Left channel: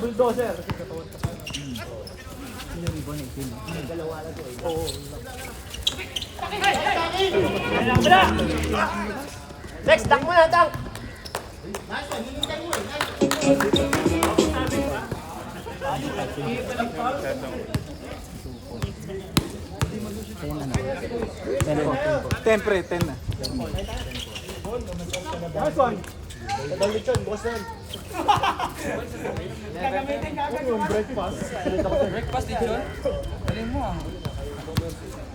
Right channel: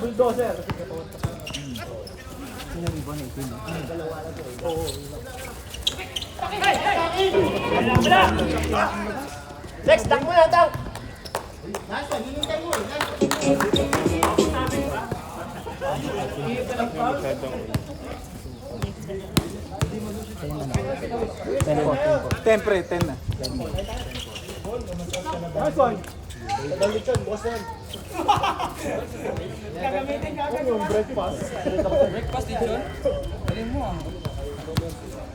Bulldozer. Next, duck mo na, duck. Ten na. Nice one. Tagalit yun, boss yan. Yung breakfast. Breakfast din yun? Galing mo ah.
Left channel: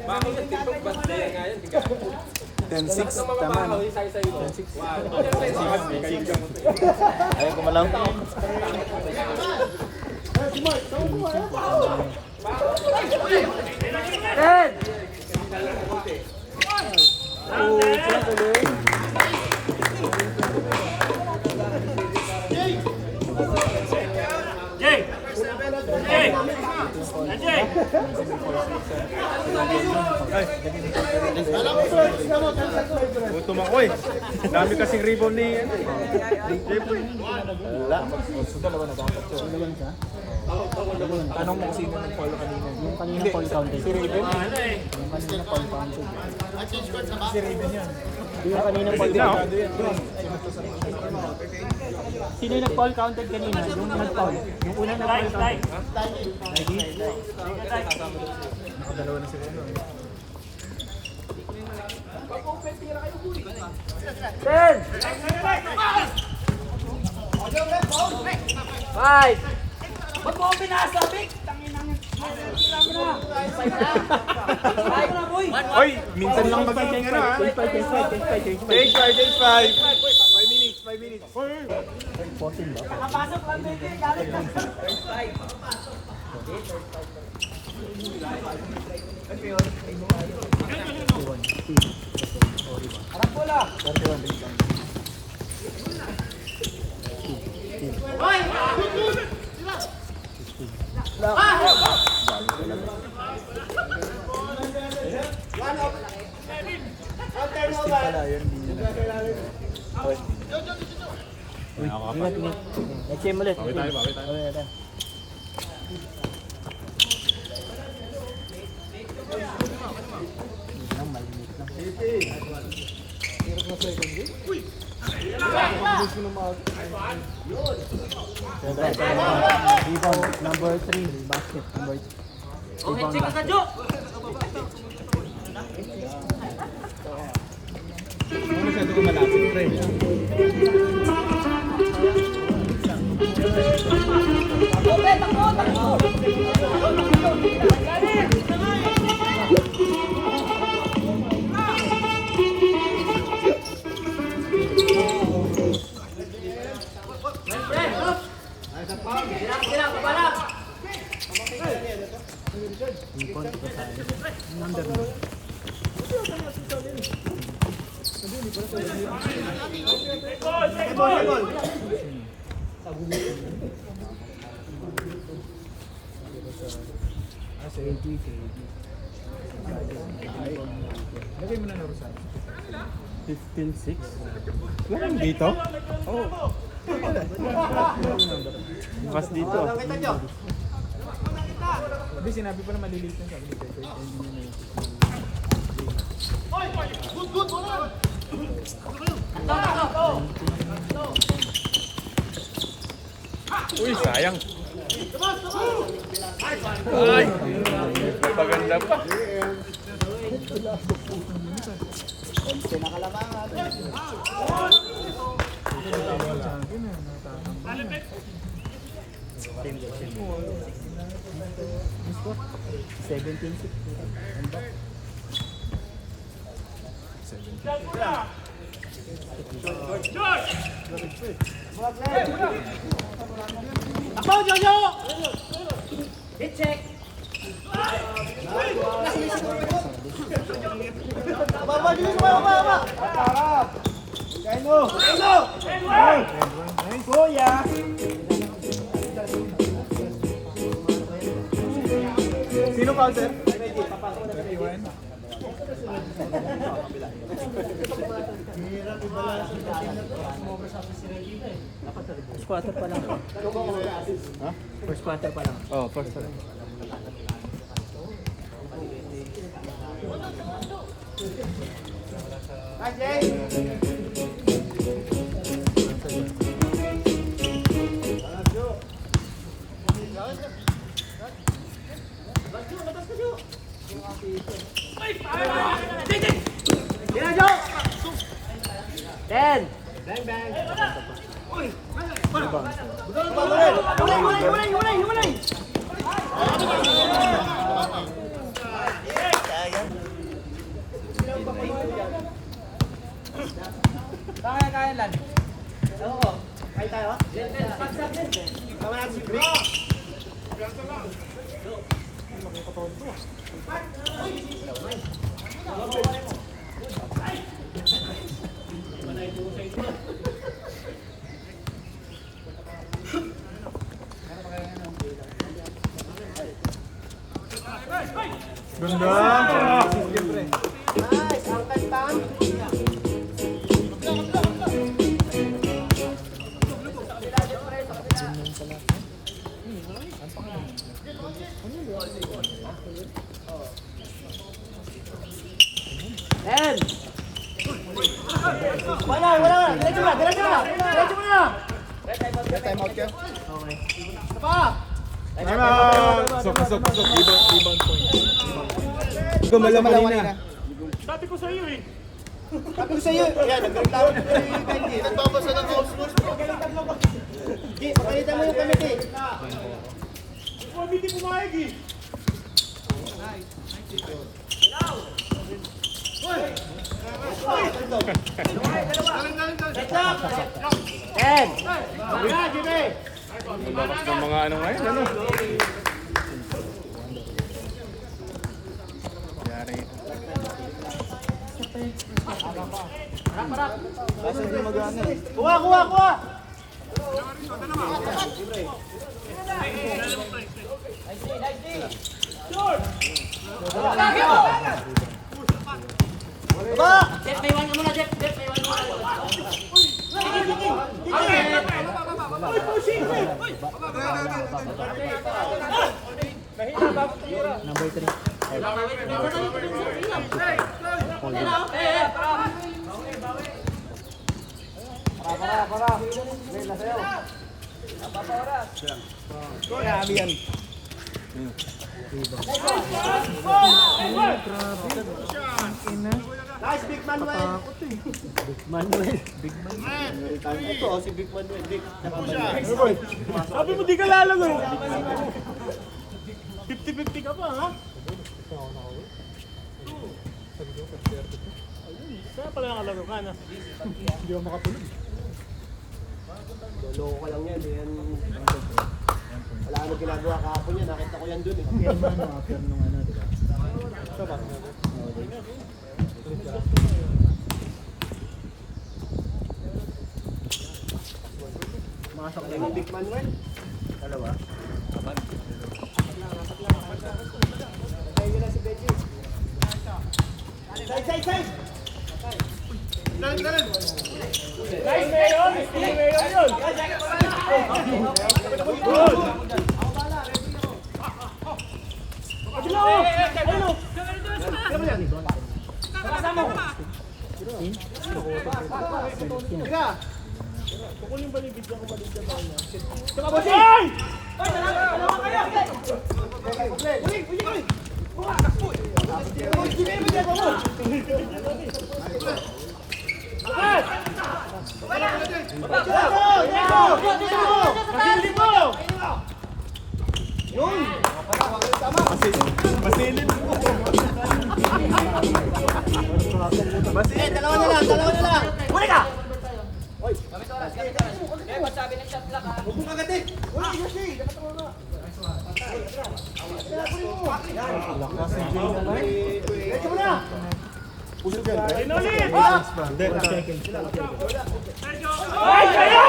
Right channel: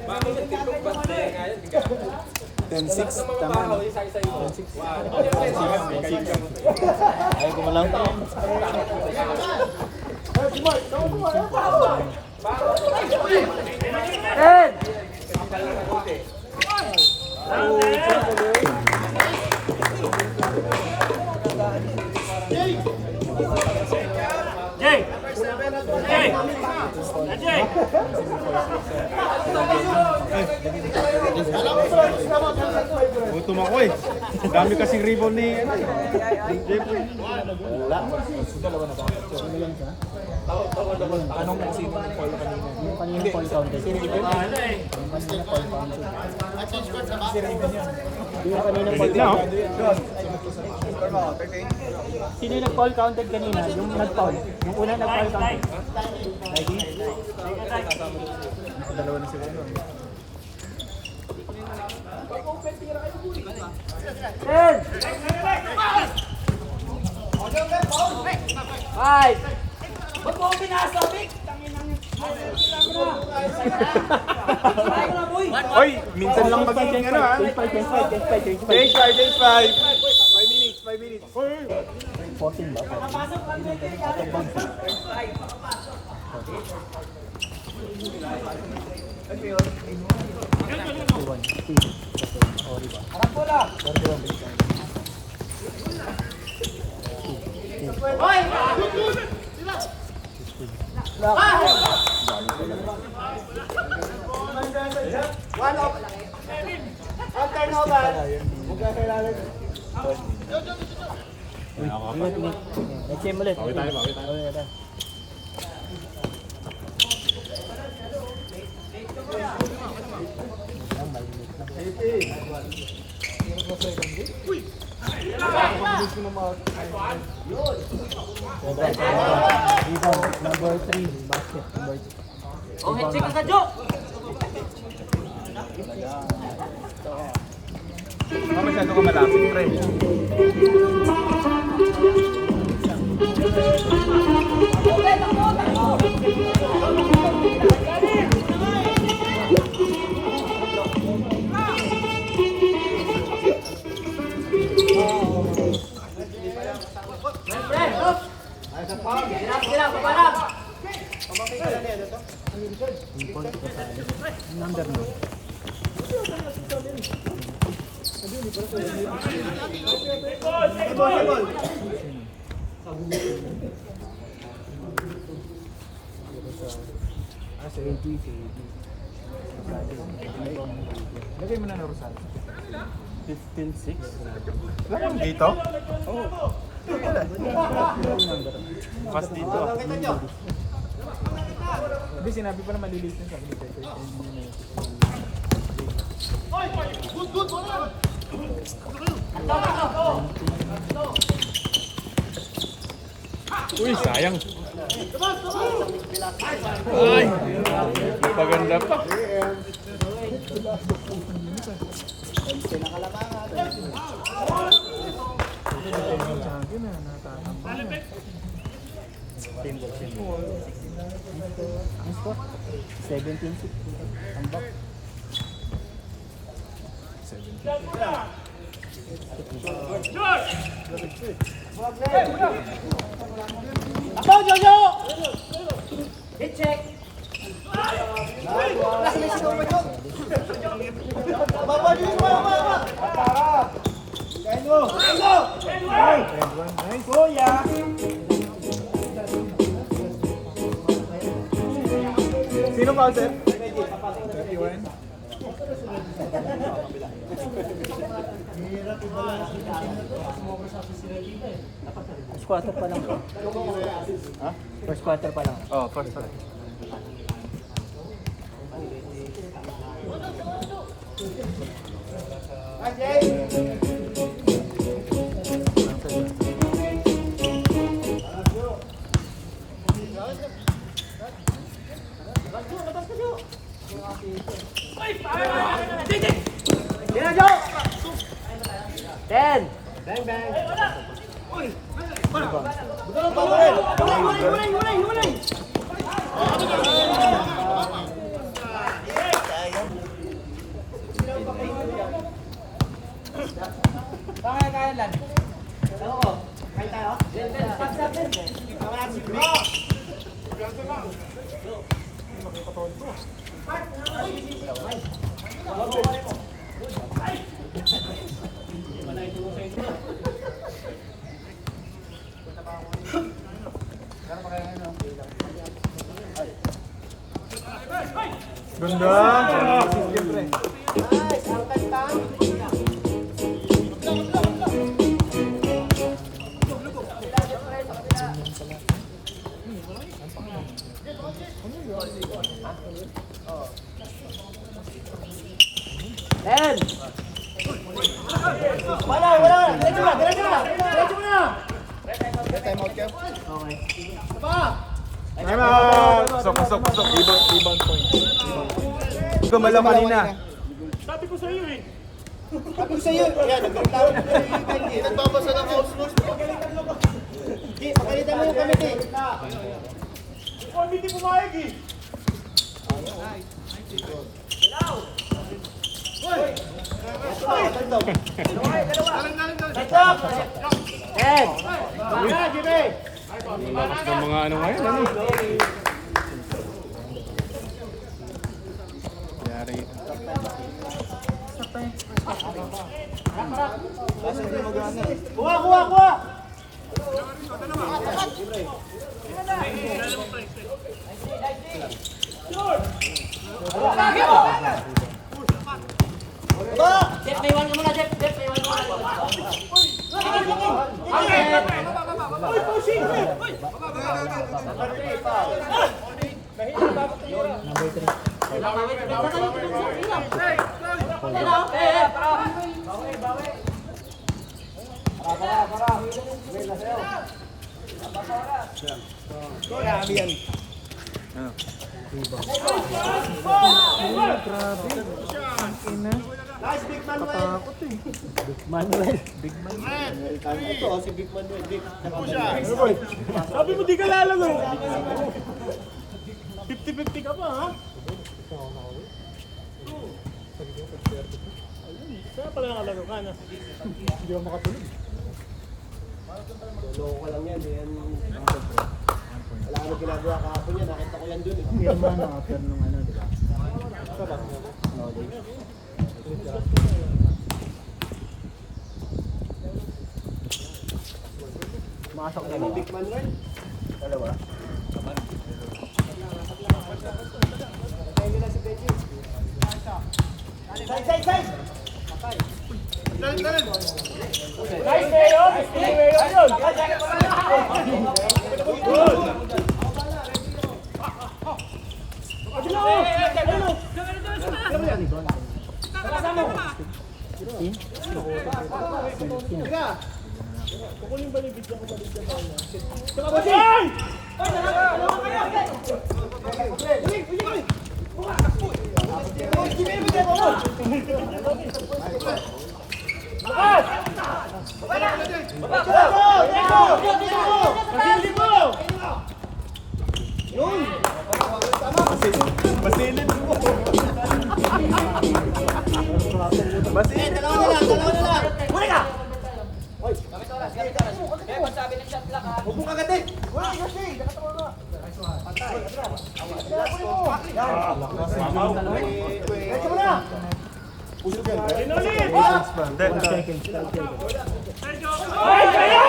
Bakit nagtipog ba tayo ngayon? 10-6, tama no? 10-6. Ay, kumalang pa. Ed! Gutom ako eh. Dami kasing ribbon ni... Tanong mo sino ng Paul kanina. Yung kanina Paul counted. Si Raven? Yung kanina Paul counted. Si Raven yun. Yung kanina Paul counted. Sino yung nag-Paul counted kanina? Yung nag-Paul. Yung una nag-Paul counted. Nike? Dalawa na sila yun. Right! Ba't mo ako pinasabi? Oy, minsan lang magiging ano ha? Change 5 minutes. 14 ba? Nakapasok lang din. Nag-game ulit. Bawi tayo. Rebound, number 3, basket, number 2. Oh, hitsik ka Jo! Masyado ka malapit, pre. Number 9. Lagay mo na na Rosan. 15-6. Lagay dito? Oo. Pas dito. Hindi, sinabi pa na maliliit na sabi ni Pepe. Uy, sayang. Uy! Maganda pa. Score? 17-6. Ang back. Ako, Jojo! Hit check! Baba! foul, sir? 31. First quarter pa lang. Ha? First quarter pa lang. Oh, first try. Ten! Bang, bang! Kaya lang. Ganda! Siyempre. Ten! Wala! Diretso na! Diretso na! Time out ka? Time out! Pasok. Rebound point. Ikaw malam kanina. Sabi ko sa'yo eh! Sabi ko sa'yo, yan, nagreklamo ko yung nagbabasa ng house rules. Di, pakalitan mo yung committee. Hindi pumayag eh! Ten! Mga, Jimmy! Mga ano ngayon, ano? Yari. Kuha! Jeff, may iwan ka muna, Jeff! May iwan ka muna! Number 3. Nice, Big Manuel! Manuel. Ito, si Big Manuel. Sabi mo di ka lalaro. 50-50 ka pa, ha? Kaya pala nakalaro ka na. Hindi ako makatulog. Loko ka lang yan. Wala ano ginagawa kahapon yan. Nakita ko yan dun eh. Firma na, after nung ano, di ba? Masok na yung Big Manuel. Dalawa. Side! Nice, Mayon! Mayon yun! Good! Kukunin ba yung video ko balik dyan ba niya? Ay! Masilin mo! Masilin mo! Masilin! Dalawa na lang! Huli ka! Huwag mo kagatin! Wala, kasi! Diretso mo na! Inulit! Seconds. Ay, kayo!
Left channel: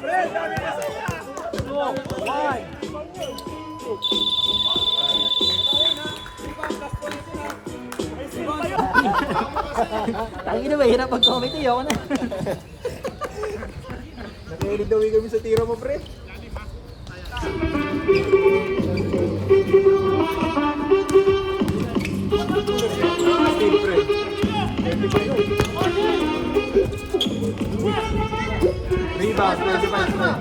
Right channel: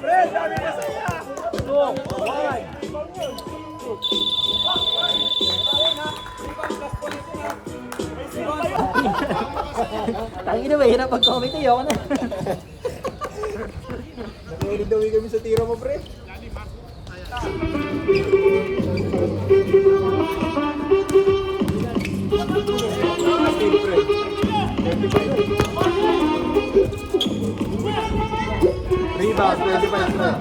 Pre, dami na Tangina ba, hirap mag-comment eh, ako na. Nakikinig daw kami sa tira mo, pre. Steve, pre. 25. Rebound, 25, pre.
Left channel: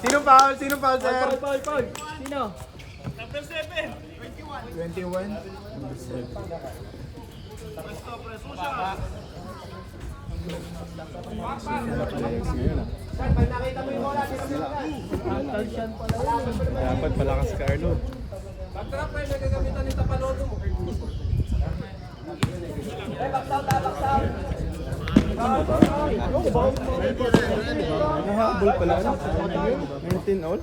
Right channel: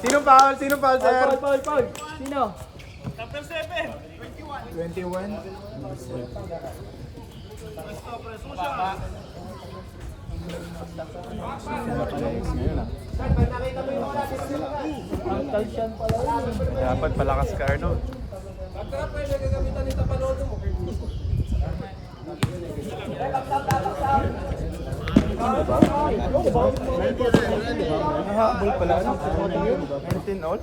Sino foul? Sino foul, sir? Paul. Sino? 21. Dapat palakas ka, Arnold. Pagka pwede gagamitan ni Tapalodo mo. Nakahabol pala. Ano? 19 all?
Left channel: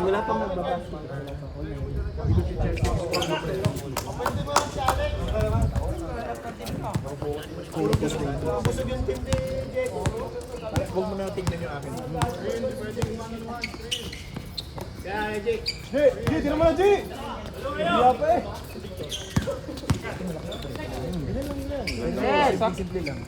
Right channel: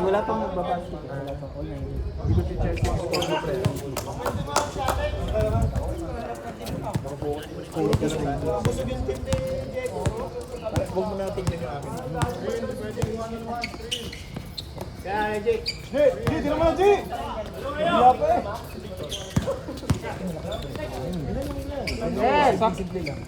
Wala pang magbabas. Huwag mo na tingnan yung akin. Kaya, Jake. Di naman, G! Wala pa eh. Red! Simple lang.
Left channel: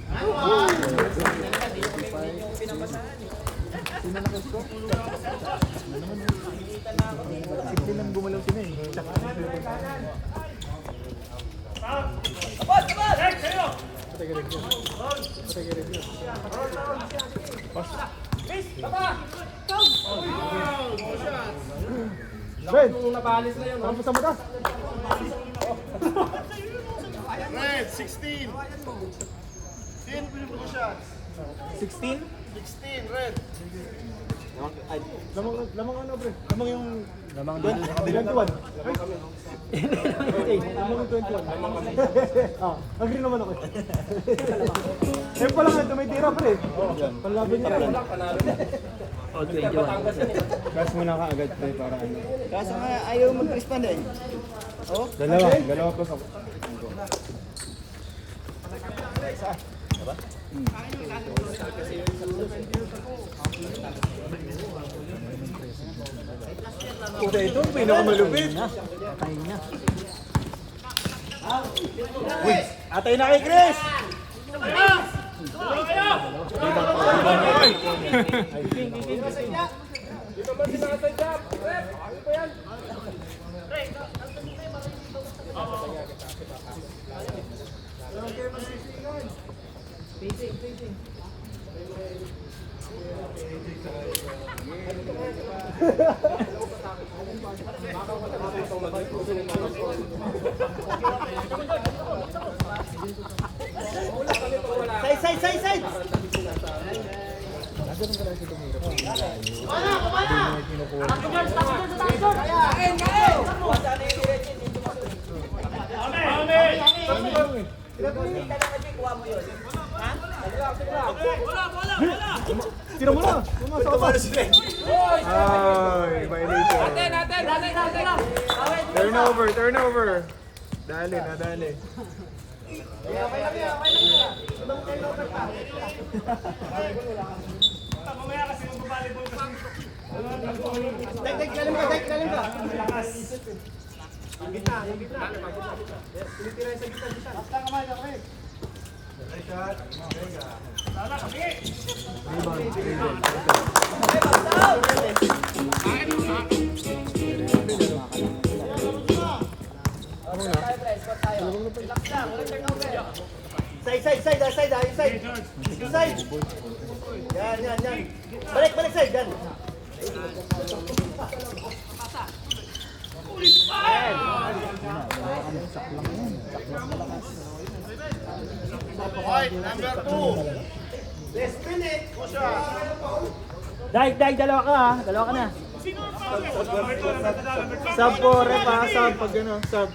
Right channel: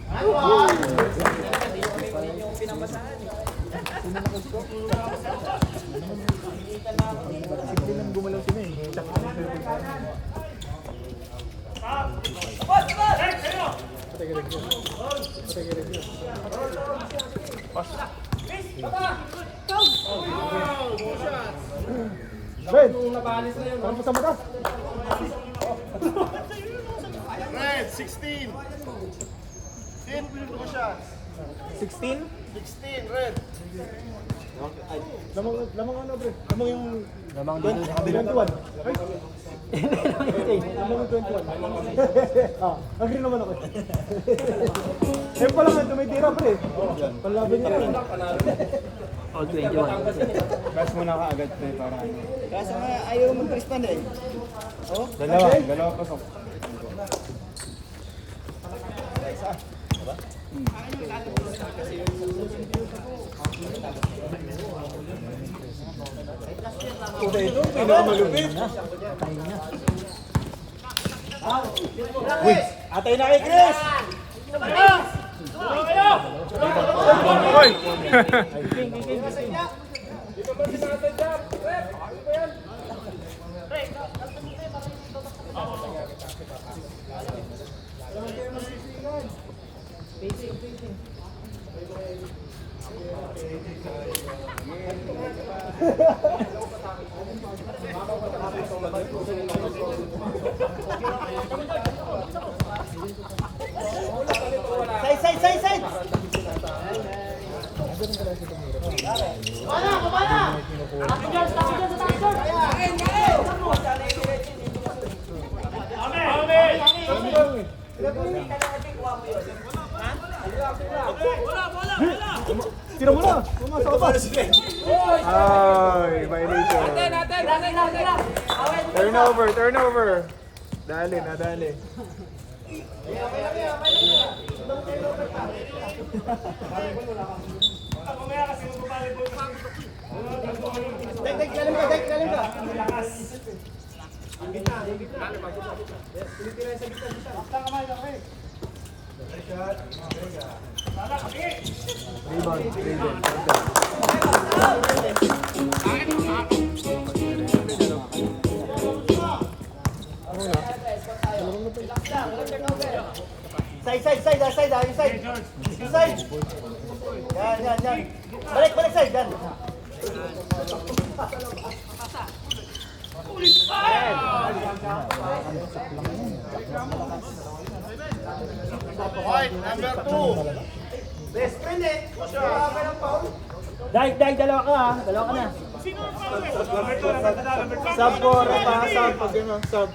Simple lang gumalaw sila eh. Ben! Nabalis na yun. Ano pa sa mata? Red, 16. 10 shots. 16? 16, red. Lamang ano, pre? Lamang yung... Lamang 21. Ay! Lamang yung 21. Ah, agree naman ako. Eh pala nga, tumitira, pre. Palaban niya, pre. O, 21. Gas mo na ka agad, pre, para ano. Kaso nga, ayaw mag-respond eh. Dalawa pasok. Puta, ito ang pinakamalupit. Patay na. Atay na kay Chris! Side! Tira mo na! Pumasok ka pa! Ay, violation. Natin. Turnover! Dali. Galing ka. Side. Yan. Balik side, yan. White, number 2. Best minute. Dahil, dalawa ka ha. Dalawa ka na. Sub ko, repa, sub. Pag gano'n, sub.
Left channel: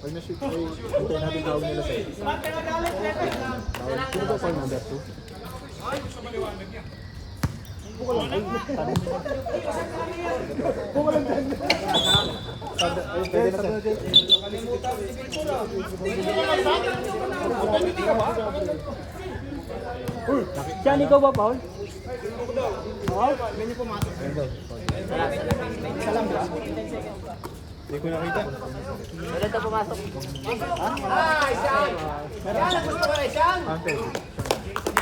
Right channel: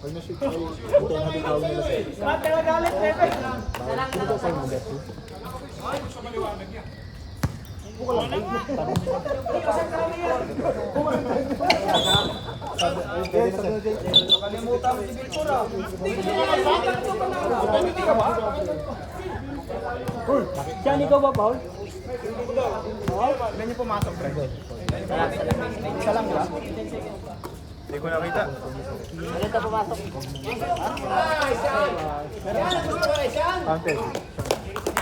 Pag na-shoot ko, hintayin natin tawag nila sa'yo. Sino ba sa'yo number 2? Diyan, ikaw ba, Paul? Ganyan pumasok. Isa lang ba? Hindi ko nakita. Ante.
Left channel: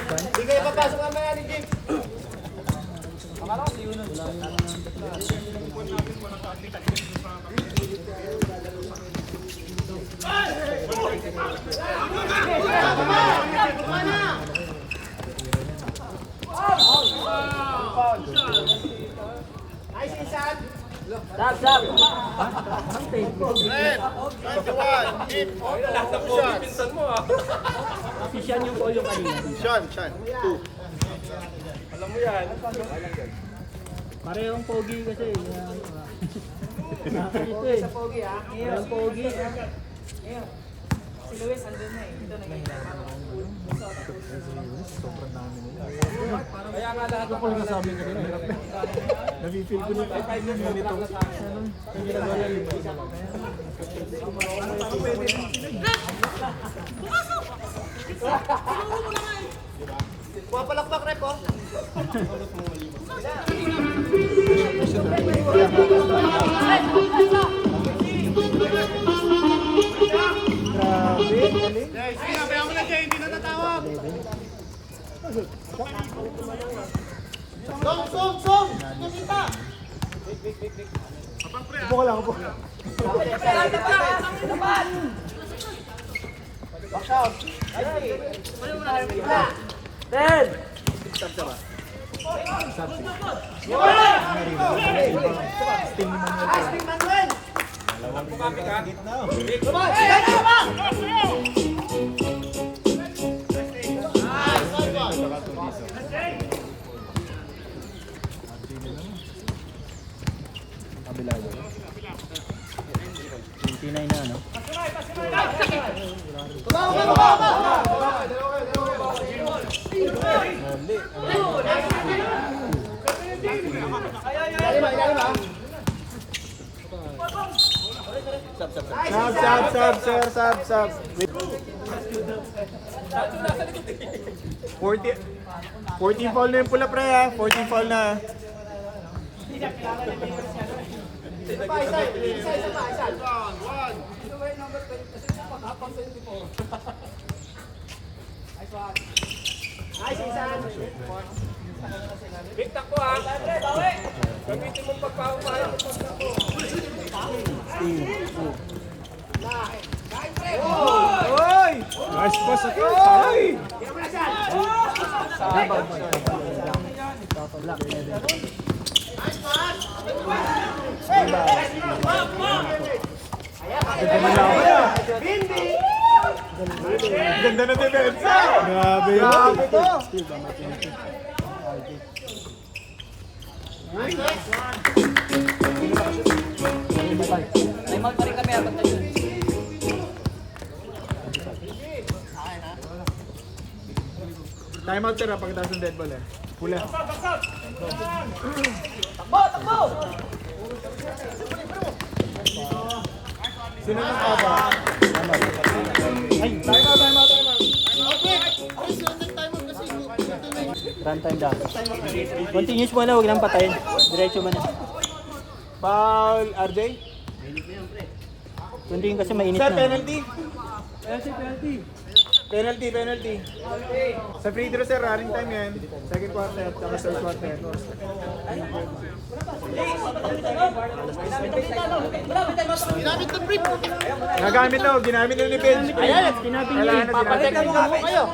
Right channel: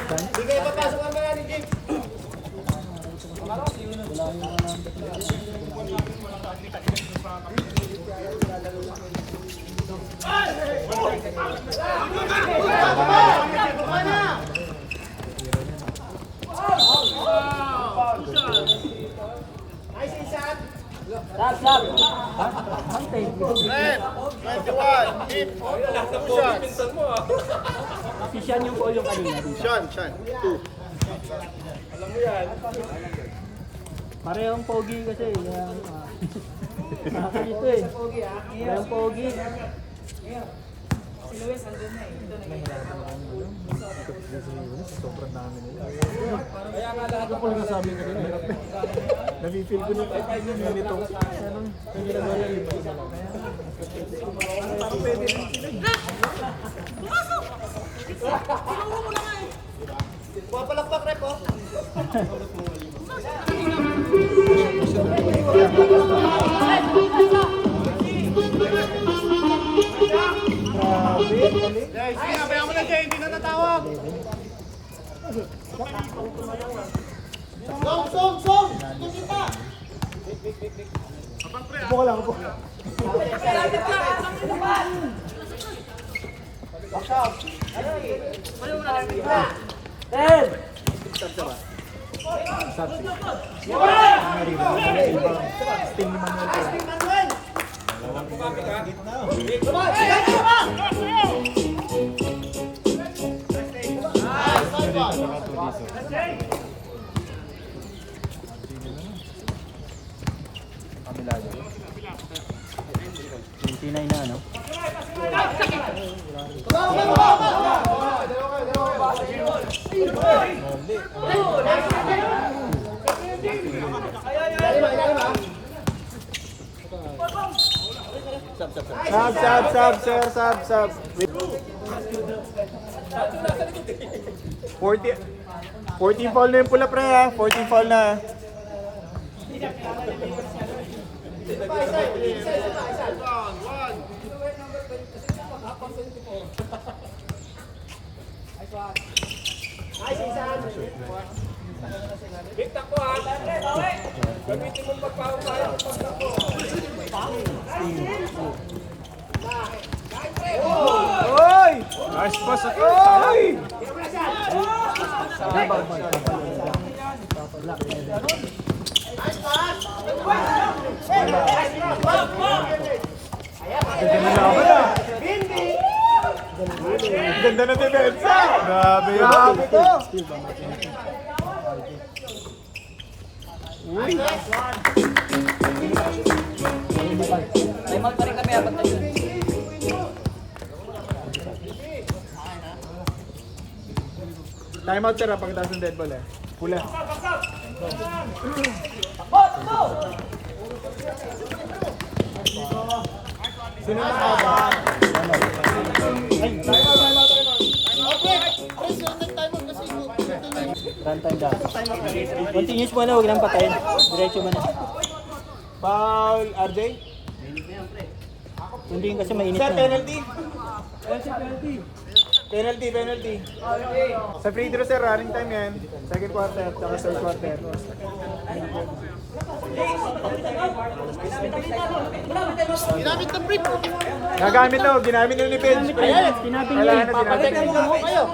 Hindi kayo papasok ang mga ni Jim. Nice insan. Red, 21, hit, two shots. Si Sean yung call yung kanina. Sean, 2. Parehong pogi kasi. Nakakalito eh. Parehong pogi. Si Luis, andun na eh. Ito na Sobrang dami nila. Kaya nga lahat Ako lang sabi ko rin, hirap na. Nafe-feel ko nung ganito. Anong ginagawa lang yung isa lang. Parang pwede rin sila. Pumapalakpak rep, oh. Grabe, galing. Sige, abayan mo na dyan, hindi na natawag. Song! Yung isa! Upo ka lang, upo. Sting ni Manuel. Kabilado. 29 na ano? Sab. 14 foul na yung pula pre ha. 14 foul na. Nice insan! Big takbo ha. Gamitin mong pagpapahal ng pagtakbo. Oy! Nice pass ito. Oy! Ganda na laban ah. Ganda na depensa. Grabe to. Time out pa rin kami habang tayo. Time out sir pagkatapos ng dead ball eh. Pula. Sino na ba? Ay, time out. Runtime daw. Continuous mo na, huwag nang patayin. Diretso mo na. Foul, RJ? Hindi kasi mainit Sir, na. penalty. Penalty. Sa free throw sir, running time yan. Second quarter, saka third quarter. Ginamit ng brief. Ginamit na ni Benj. Ayan, sinabi niya eh. Papalitan mo mo kayo.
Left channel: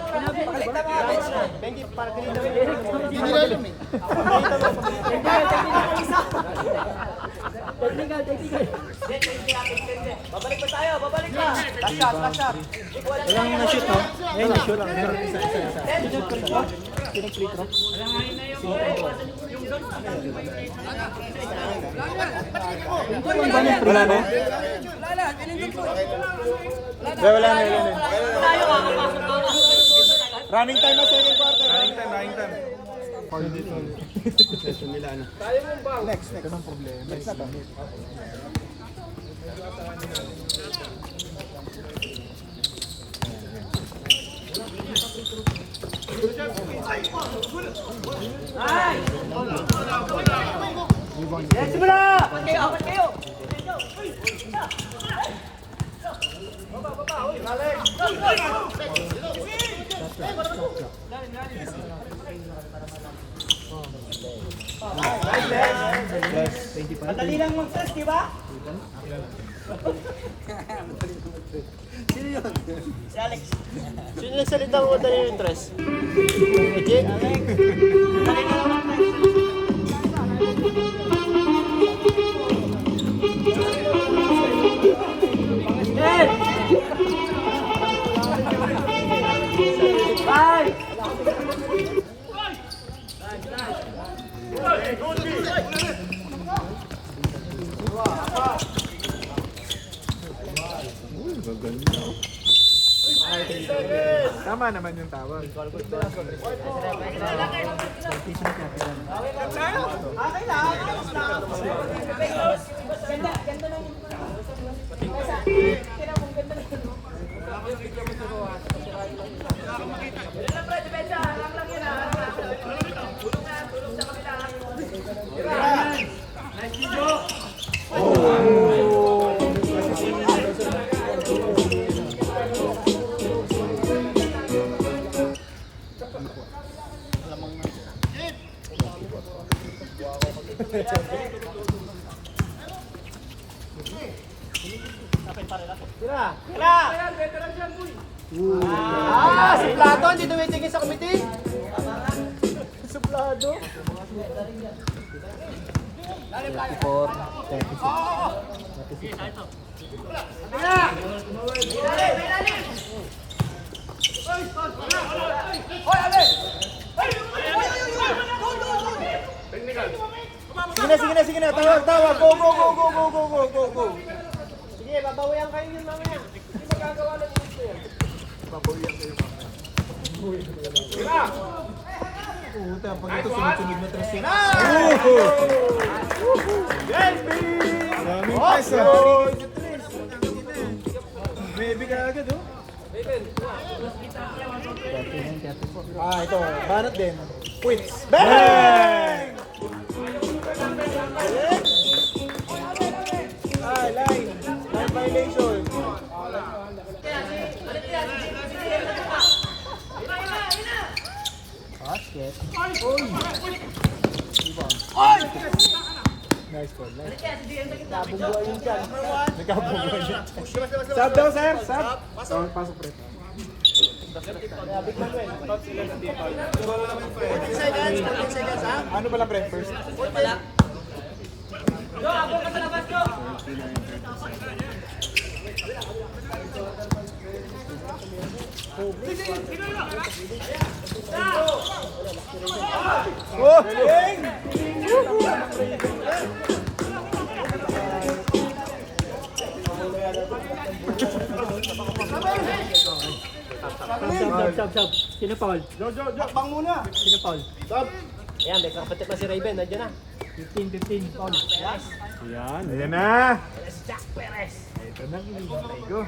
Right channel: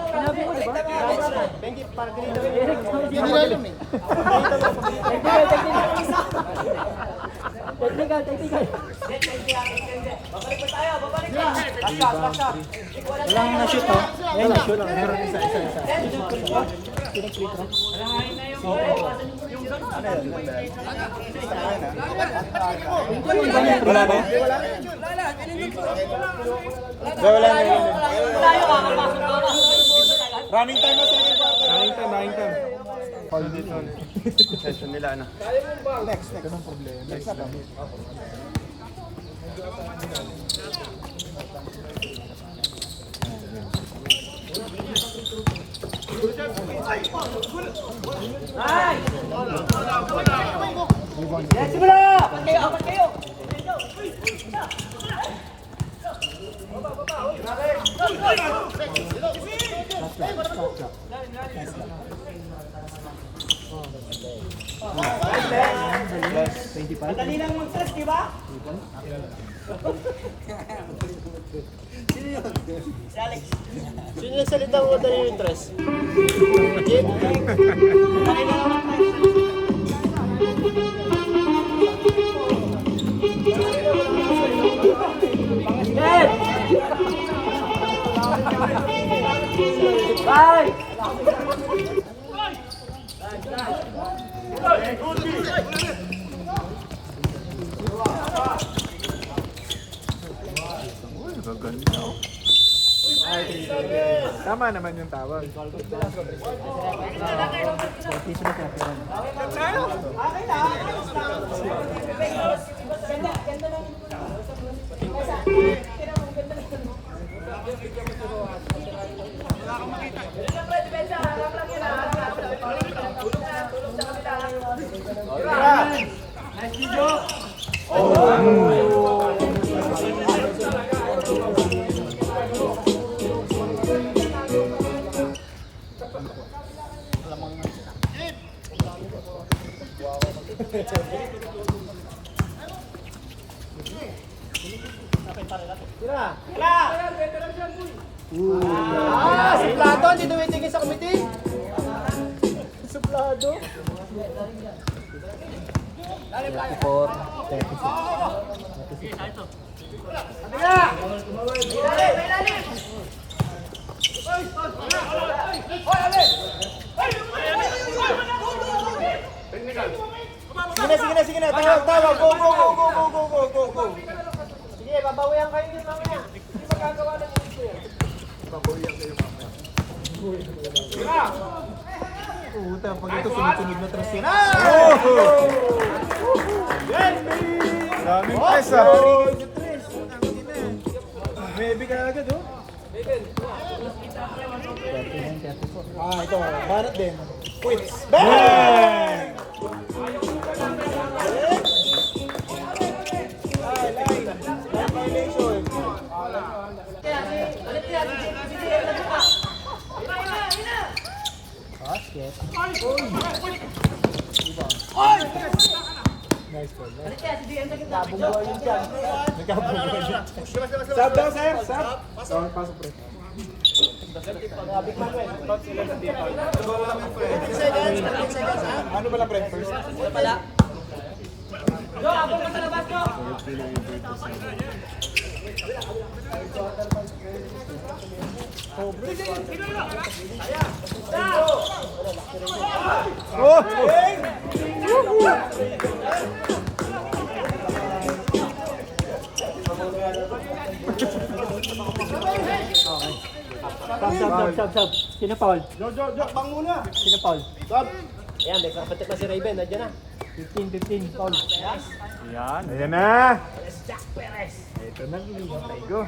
Benji, para ganito. Ginilalim eh. Technical. Walang na-shoot ha? Ayan, na-shoot lang. Isa. Pinag-free throw. Wala na? Wala na. Running time na second quarter. Running time. Session nila ano. Next. Anong problema? Next na. Sino nagsalita mo dali yung interest? Legit? Tama naman yung tawag. Ah, suplado, hindi tumitingin sa committee. Suplado. 34, 36. Sige na. Tawag. Go. Sige, babawian kayo yun mamaya. Hindi magagawa ng gusto yan. Puta, pag ito sunod-sunod na tres yun. Yes, baby! Maraming tres ah. Maybe ka agad oh. Ah, ito. Banat din. Quits. Bang! Line violation. Basket. Nice ball. Sub daw, sir. Sub. Pasok pre. Ano pala pre? First. Sub. Sino foul? Hakbang muna. Sino foul? Stop. Ayan, may kakapatik na si Raven. Nandiyan na. 15 foul. Yan. Ayan na. Jack Perez. Ito na. Hintay ko.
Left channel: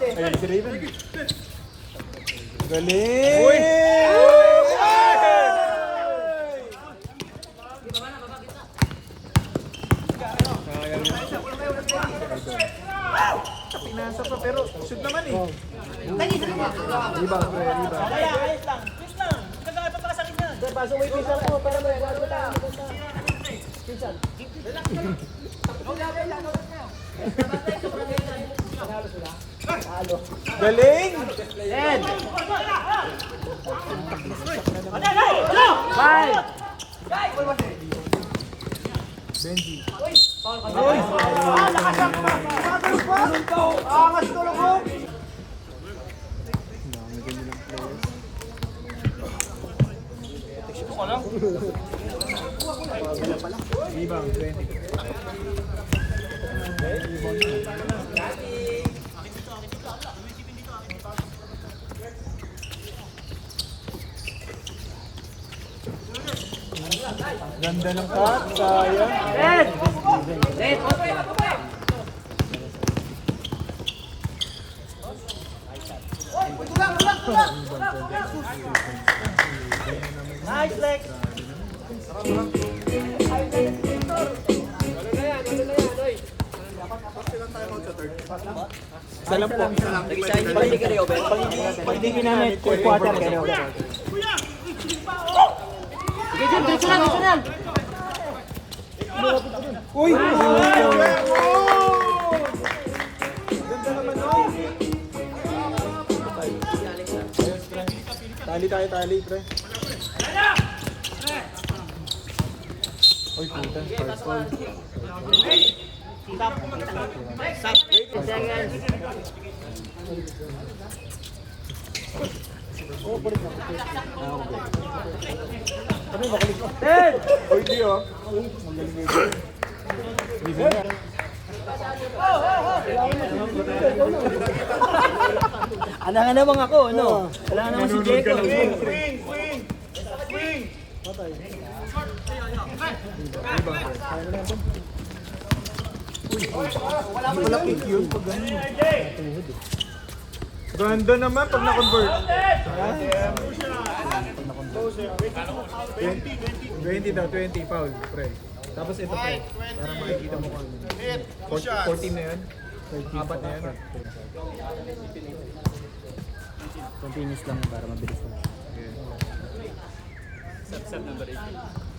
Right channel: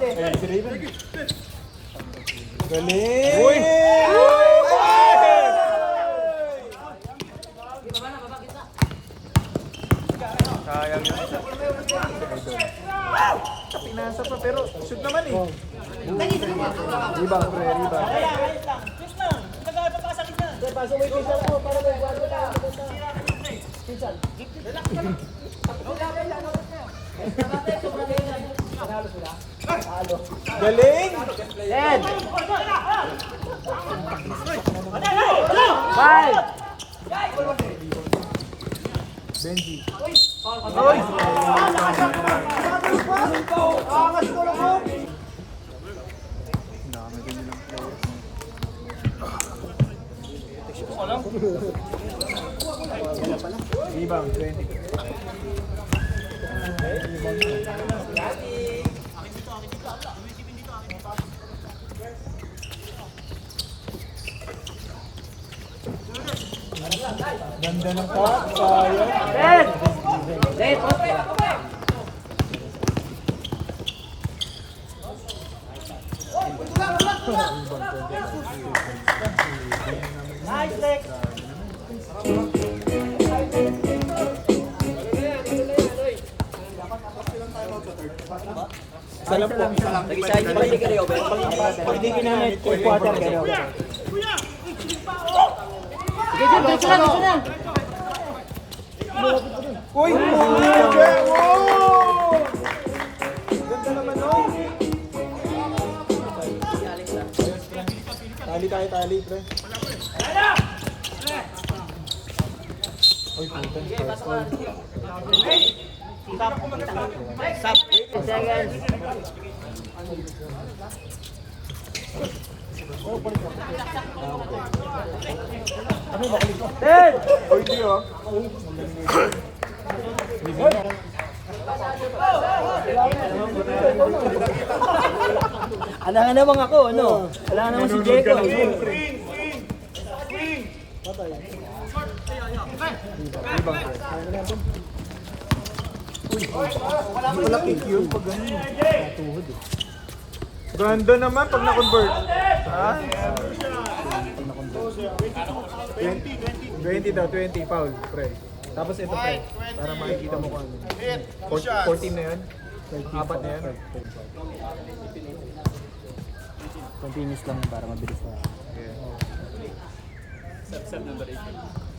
Ayun si Raven. Galing! Sayang yun. Pinasa pa pero shoot naman eh. Rebound pre, rebound. Pasok mo yung pisan ko para may buwan mo tayo. Pisan. Galing! Ed! 5! Benji. Nakasak na! Tumatalog pa! Angas ko lang po! Dami ganyan ng players. Rebound, 20. Rebound na. Ganda ng cut, sayang. Red! Red! Isa lang po. Nag-isa hindi pa hindi kayo, Ben. Pag hindi ginamit, quarter kayo. Sige, Jim, diretso na, diretso na. Uy! Wow! Ganda naman nun. Tali tayo, tali, pre. Uy, putan. First goal. Seconds. Ten! Uy, di oh. Ala nga naman ako, ano? Wala nga naman si Jeko. Patay. Wala kick yun pag gano'n. Ganda naman pag na-convert. Ha? 20 daw, 20 foul, pre. Tapos ito pre, para makikita mo kung ano. 14 na yan. Apat na yan. Continuous lang para mabilis na.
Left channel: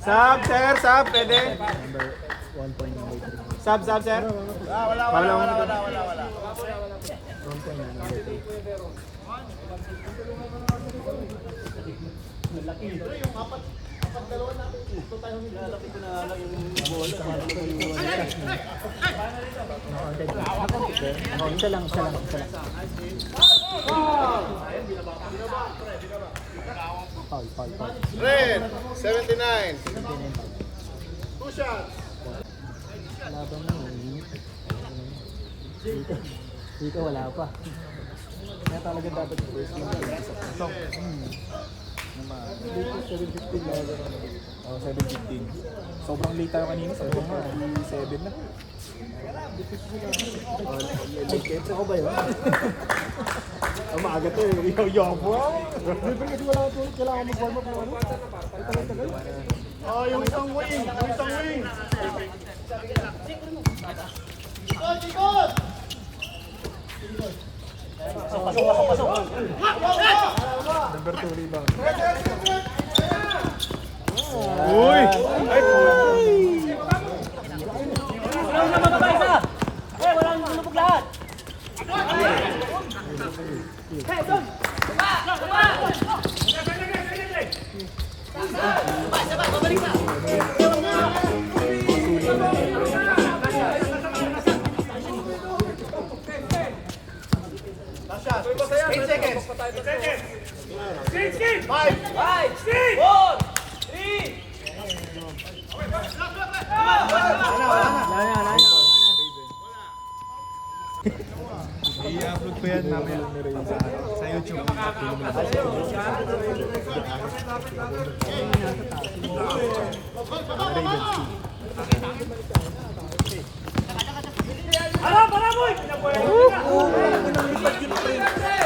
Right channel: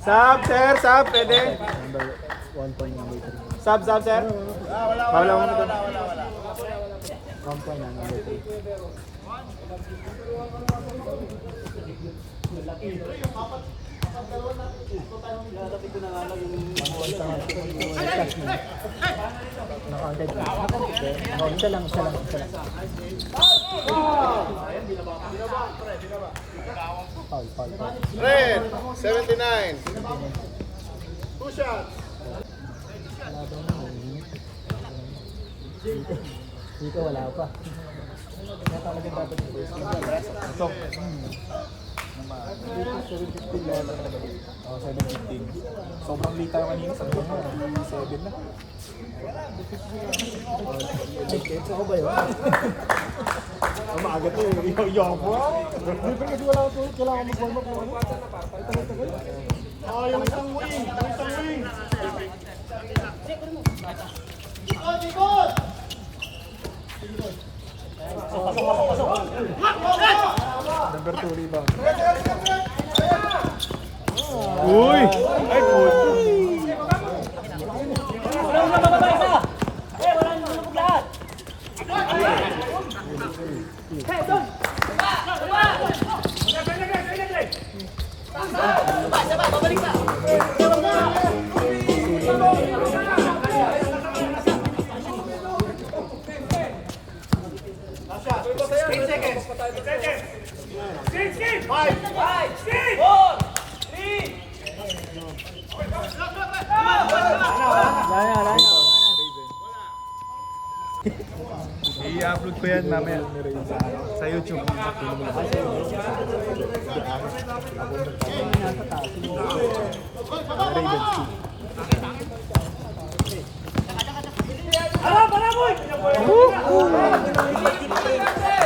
Sub, sir, sub, pwede. Number 1 point, number 3. Sub, sir. Wala. 1 point na, number 3. Isa lang. Foul. Red, 79. Two shots. Dito wala pa. Kaya talaga dapat yung first game. Oh, 7:15. Sobrang late tayo kanina. Sabi ko nga, 7 na. Gets ako ba yun? Ang maaga to eh. Yo, boy! Hindi kasi wala ito. Kailangan mag-warm up lang. Ay, tagal-tagal. Yung isang wing. Number 2 rebound. Uy! I-upload ko yan namin sa YouTube.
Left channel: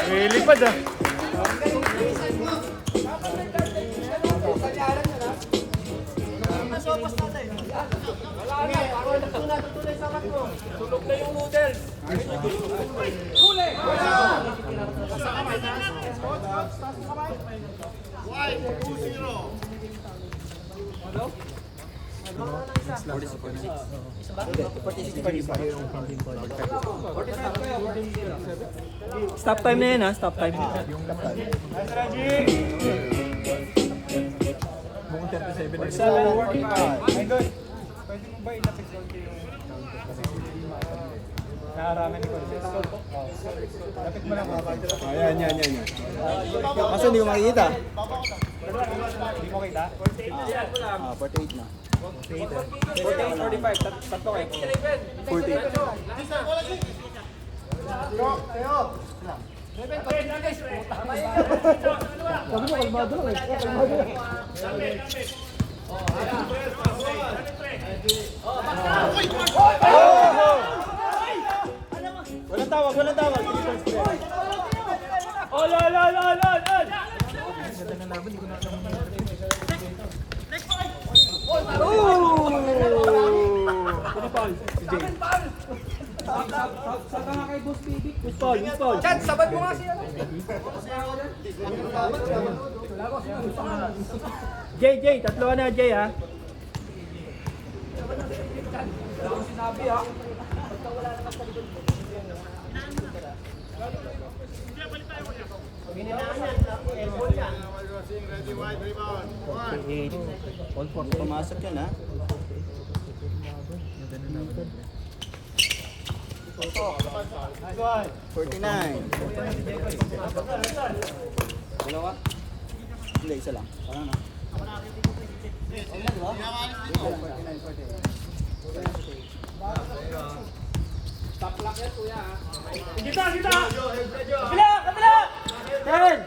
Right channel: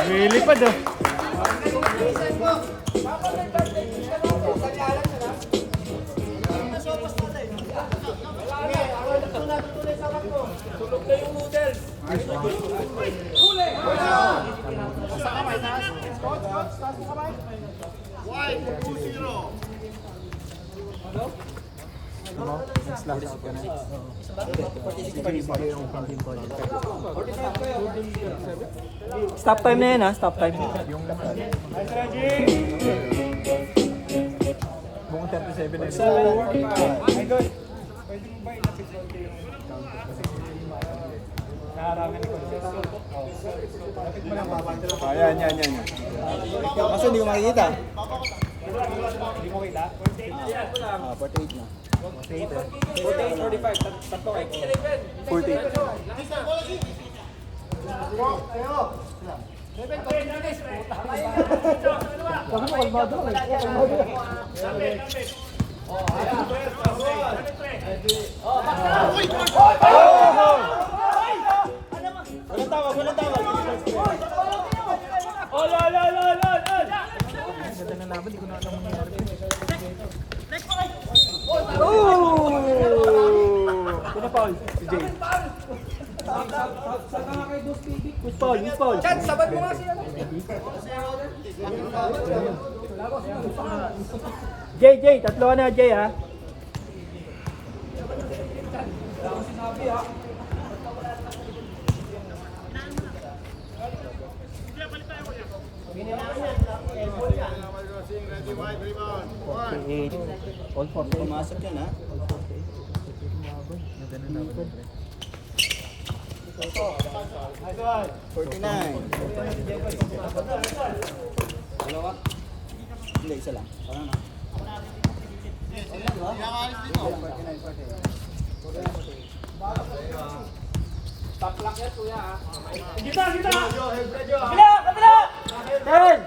Lilipad ah. Tulog na yung noodles. White, 2-0. Stop time na yan ha, stop time. Mukhang 37 na. Yan. Kaso hindi ko makikita. 48 na. 48, 45. Tatlo kayo. 40. Walang tawag, walang tawag. Chad, sabat mo nga siya. Jay, tatlo ka na, Jay, ha? Pumasok yan ha. Dalawa? Hindi, isa lang. Parang na. Ten!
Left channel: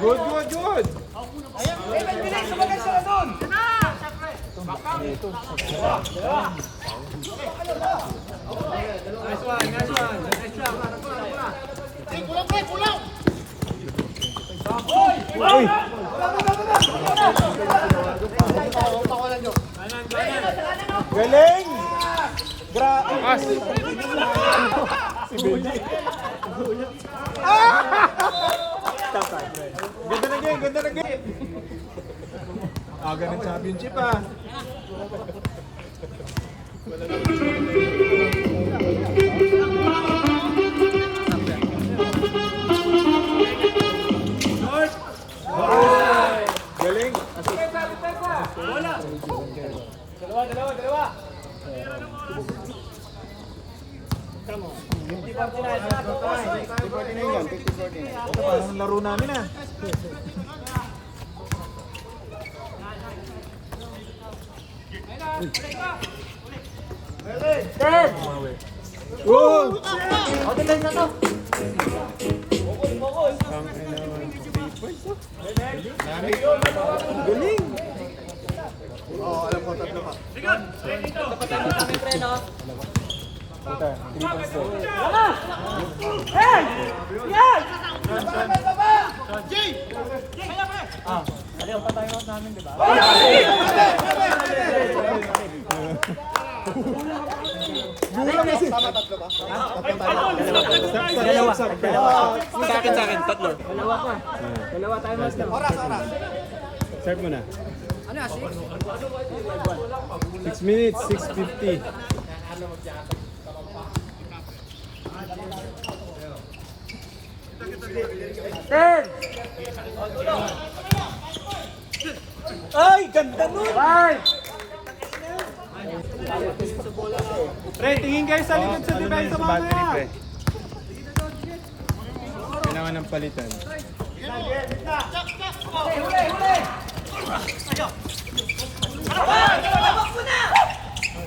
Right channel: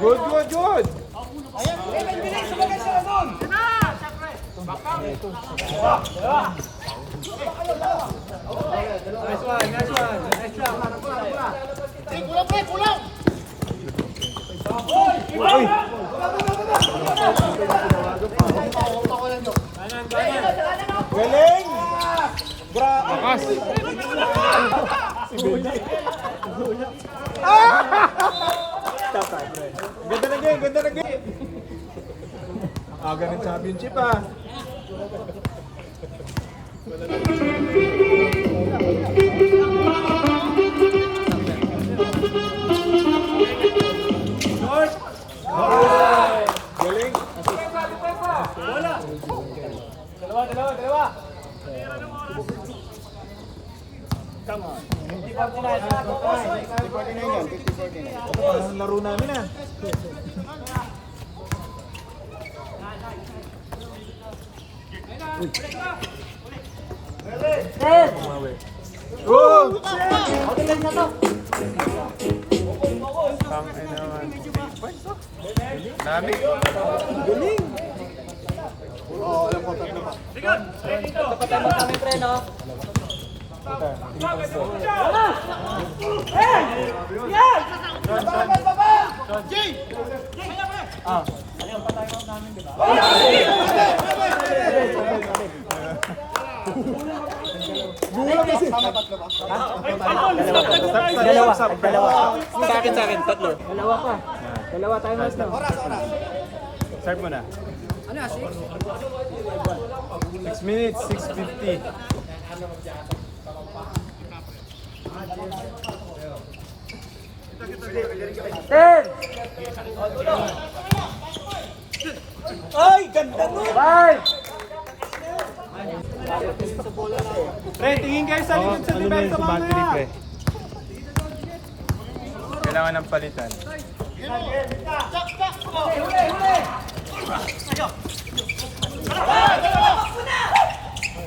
Good. Bilis, sumagay siya doon. Galing! Ganda na game. Aga ng championship ah. Galing. Dalawa. Ito parang laro namin ah. Oh! Galing! Dalawa. Sa akin, tatlo. Dalawa tayo mas na. Start mo na. Ano yan, 6 minutes, 6:50. Ten! Ay, ganda nun! Five! Pre, tingin kayo sa likod sa depensa mamaya. Kailangan ng palitan.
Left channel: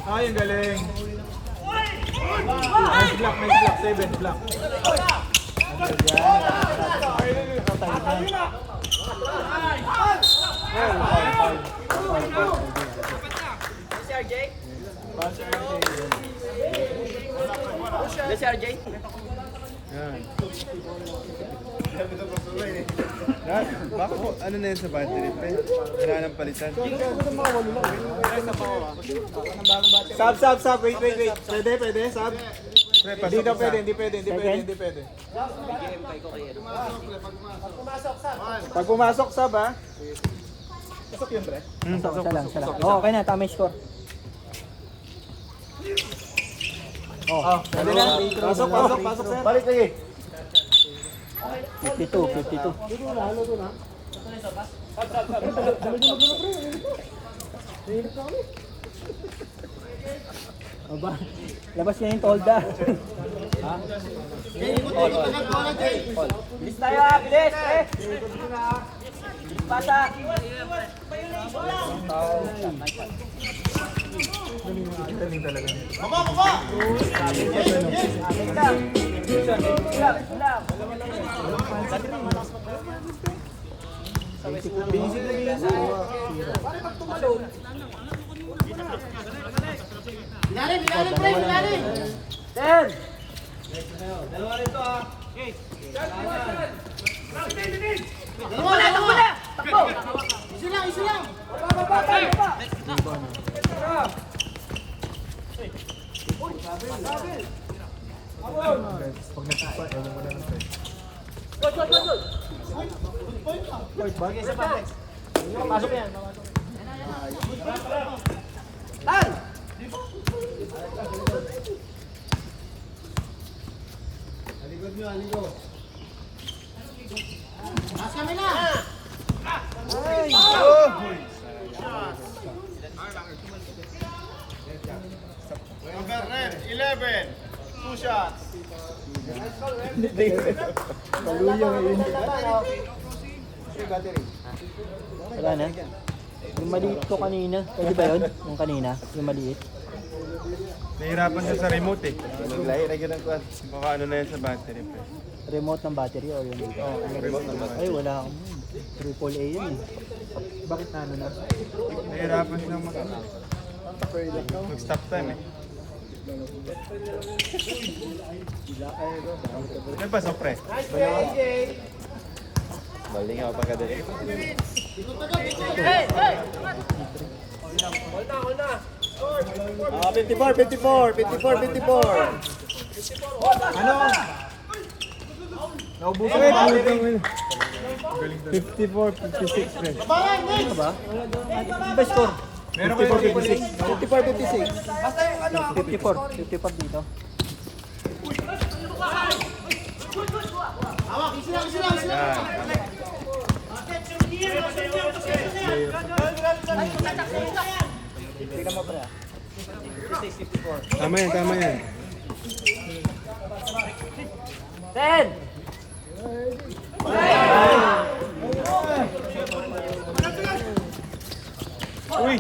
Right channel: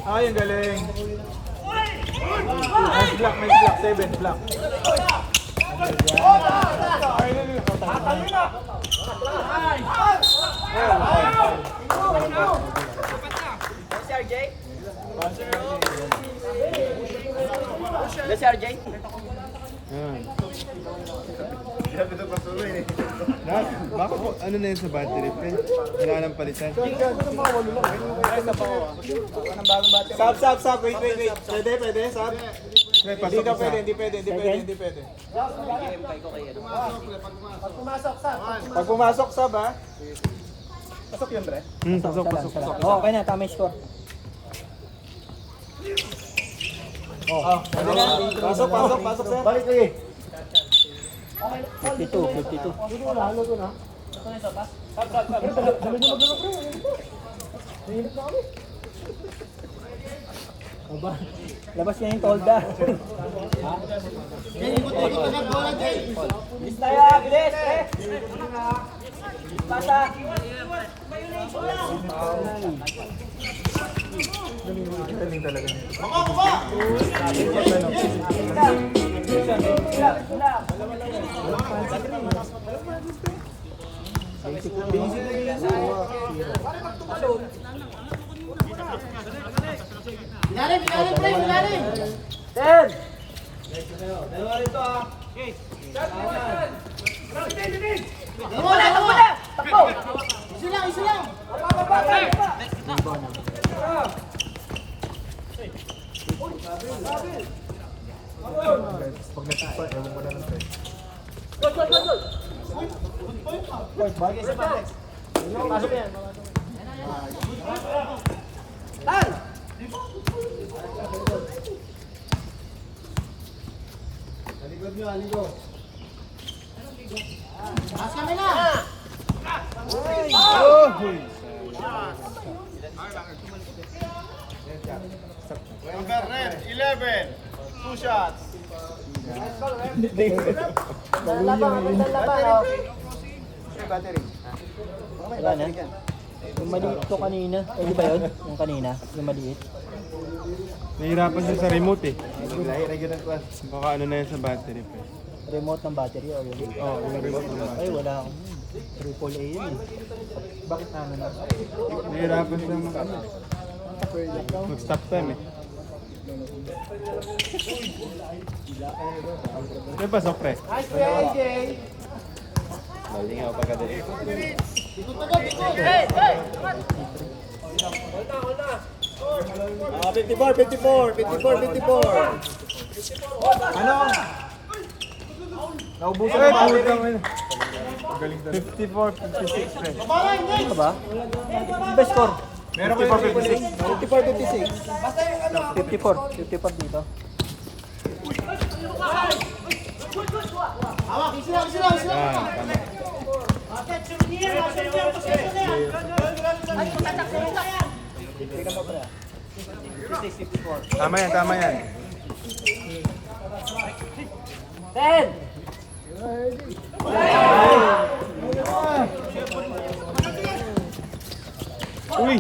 Ay, ang galing. Nice block, 7 block. Si RJ? Si RJ? Ano na yun sa battery, pre? Kailangan ng palitan. Sab. Wait. Pwede, sab. Hindi daw pwede, hindi pwede. Pag pumasok, sab ha. Pasok yun, pre. Isa lang. Oh, okay na, tama yung score. Pwede na. Pasok, sir. Balik lagi. 52. Aba, labas niya yung tolda. Bilis tayo, bilis! Galing talaga. Ilalim, ilalim, pre, ilalim. Ten! Wala, wala. Takbo. Isa lang, isa lang. Pag nagsipa, ewan ko na lang tayo. Bagay sa Patex. Pasok yan. Tan! Aligod nyo, aligod. Taas kami na. Number 11, 2 shots. Wala na. Yung maliit ko kanina. Pwede ba yun? Yung kanina? Yung maliit? Nahirapan siya sa remote eh. Baka ano na yan sa battery pa. Remote ng battery o yun? Ay, wala akong. Triple A yun eh. Bakit na ano na? Nahirapan siya mag-stop time eh. May pasok pre. Nice play, AJ. Malingaw pagka dali. Hey, hey. 54. Ano? Naubusan ng battery. Galing talaga. 54-56 friend. Ano ba? Ano ba score? Meron kayo 54 56. dito. Hawak, isa lang, isa lang, isa lang. Tama yan. Ten! Uy!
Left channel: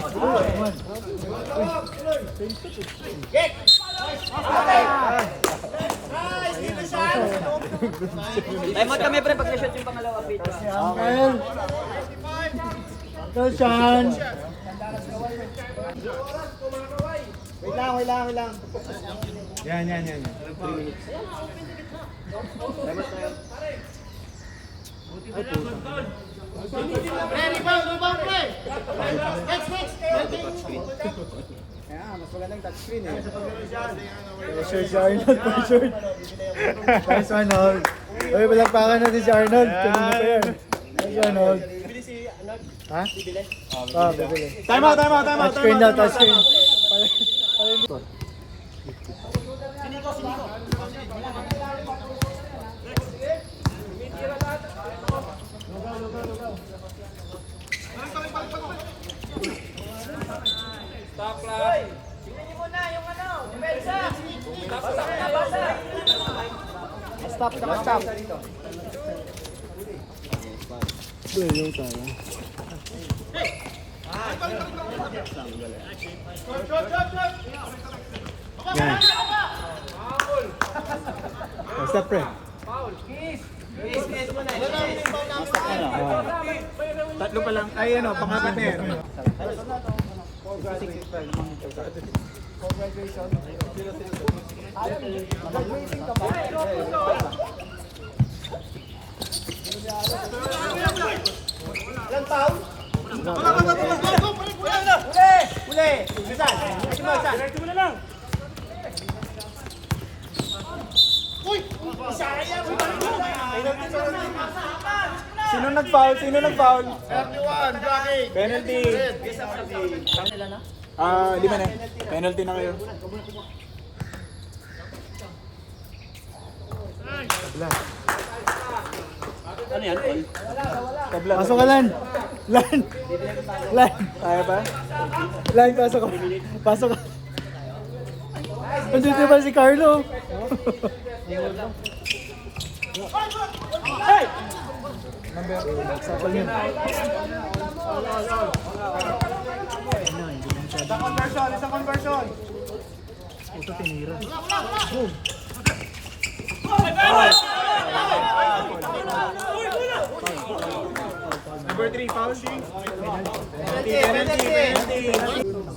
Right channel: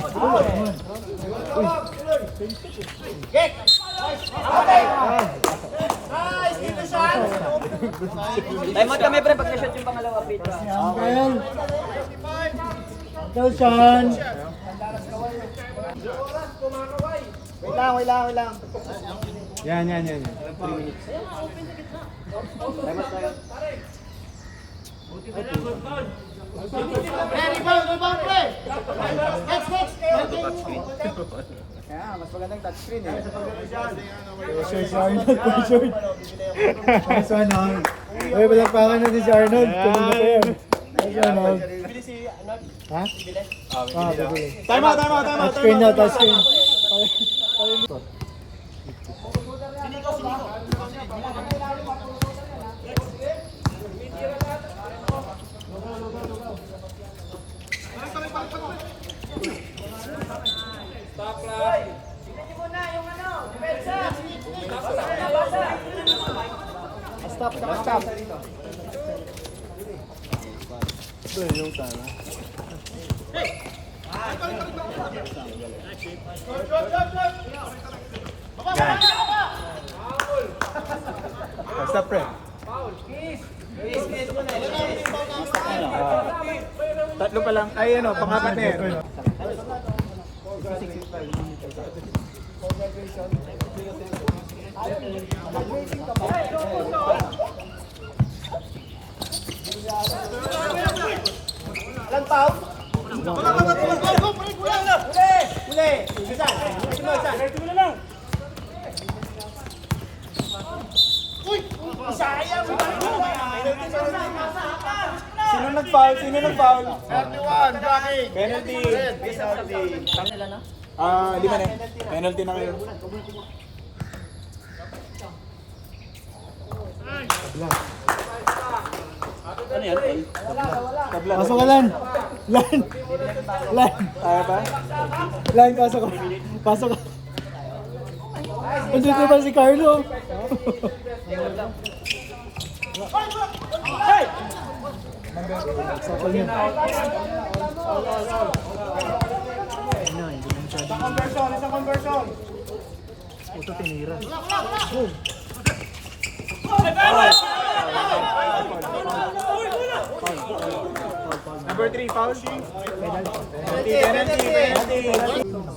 Time out kami, pre, pag na-shot yung pangalawa, Pito. Wait lang. Yan. Pre, rebound, pre. Next. Mas magandang touchscreen eh. Short si Arnold. Short. Nice one, Arnold. Uy, palakpakan natin si Arnold. Tumulong pa yan. Si Arnold. Ha? Tama. Touchscreen na, touchscreen. Stop. Yung sana. Stop, pre. Tatlo pa lang. Ay, ano, pangapat na yan. Ilan foul? Uli! Saan? Saan? Uy! Sayang! Sino nag-foul? 31, blocking. Penalty. Lima na. Penalty na ngayon. Ano yan? Tabla. Pasok ka lan. Lan. Kaya ba? Lan, pasok ka. Nandito ba si Carlo? Ayun na, hindi na masyadong puto tinira. Number 3, foul.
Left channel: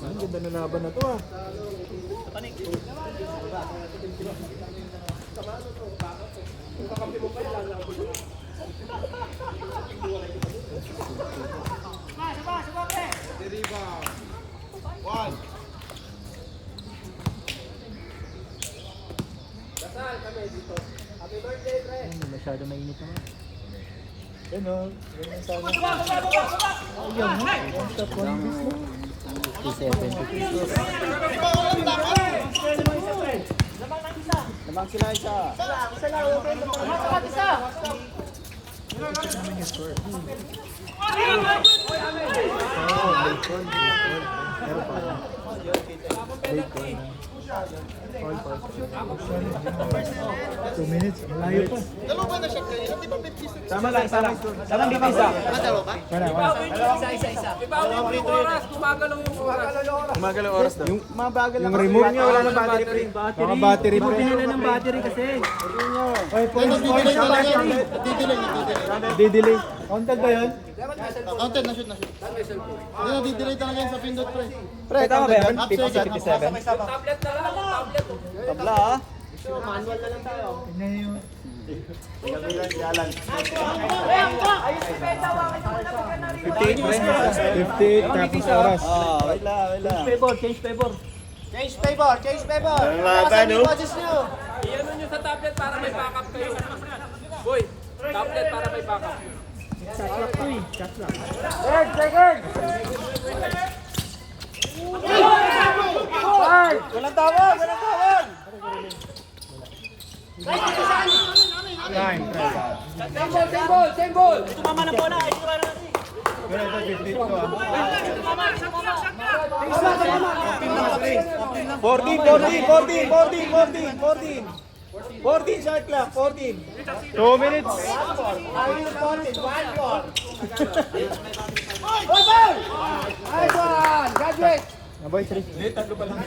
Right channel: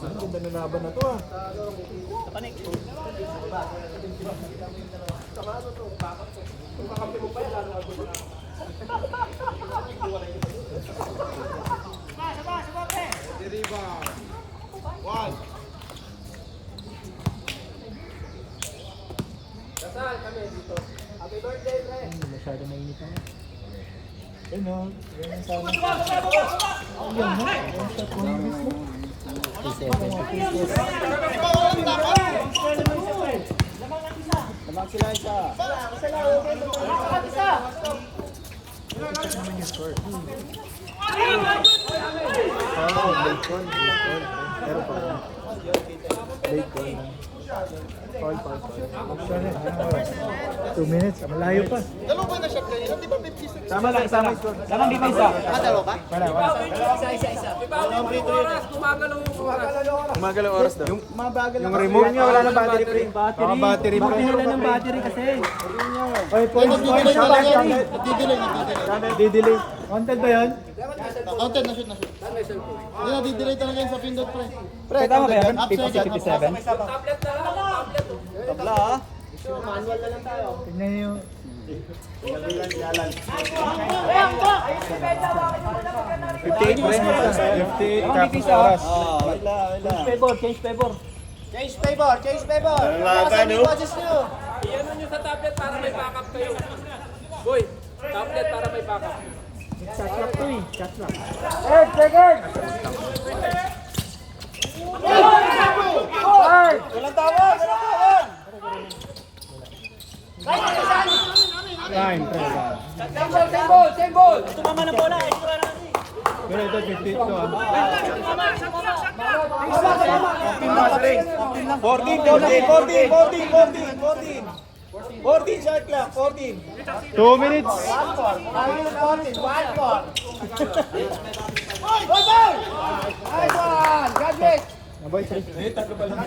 Ang ganda na laban na to ah. Hindi masyado mainit na nga. Ayun o. 57. Lamang sila isa. Check naman yung score. Bacon. Pero pa. Bacon lang. Foul. 2 minutes. Malayo pa. Sama sir, sama score. Saan ang depensa? Ibawin mo yung oras, gumagalaw yung oras. Gumagalaw oras daw. Yung mabagal Yung remote niya, wala na battery pre. Mga battery pa. Nila ng battery kasi. Oy, pwede Didelay. Wanted ba yan? Content na shoot na shoot. Hindi na didelay talaga yung sa pindot pre. Pre, tama ba yan? Upside yan. Tablet na lang, tablet. Tabla ah. Tignan niyo yung... 58 pre. 58 tapos oras. Wait lang. Change favor. Change favor. Laban no? Iyan nyo sa tablet para may backup kayo. Boy, tablet para may backup. Shot lock to eh. Shot lock. Walang tawag. Time. Same ball. Tumama na bola. Pero ito 52 ah. 14 shot clock. 14. 2 minutes. Naboy, 3. Tatlo pa lang.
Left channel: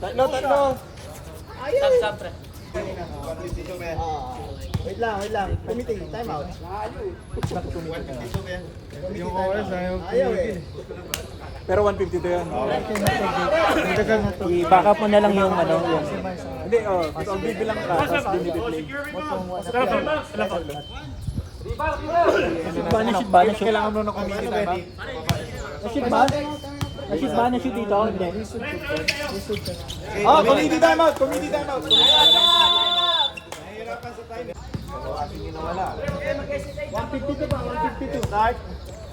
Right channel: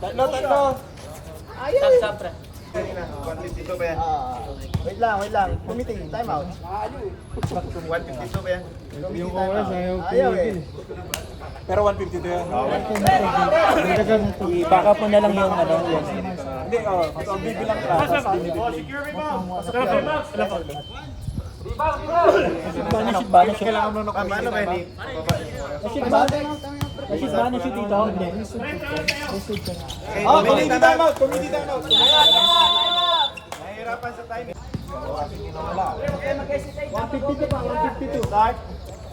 Tatlo. Stop, pre. Wait lang. Committee, time out. Yung oras Ayaw eh. Pero 152 yan. I-back up mo na lang yung ano. Yung... Hindi, ang bibilang ka. Shoot ba na shoot? Kailangan mo kami. Ano ba ni? Na-shoot ba? Na-shoot ba? Na-shoot dito? Hindi. Committee time out. Nahihirapan sa time. 152 ba? 152. Start.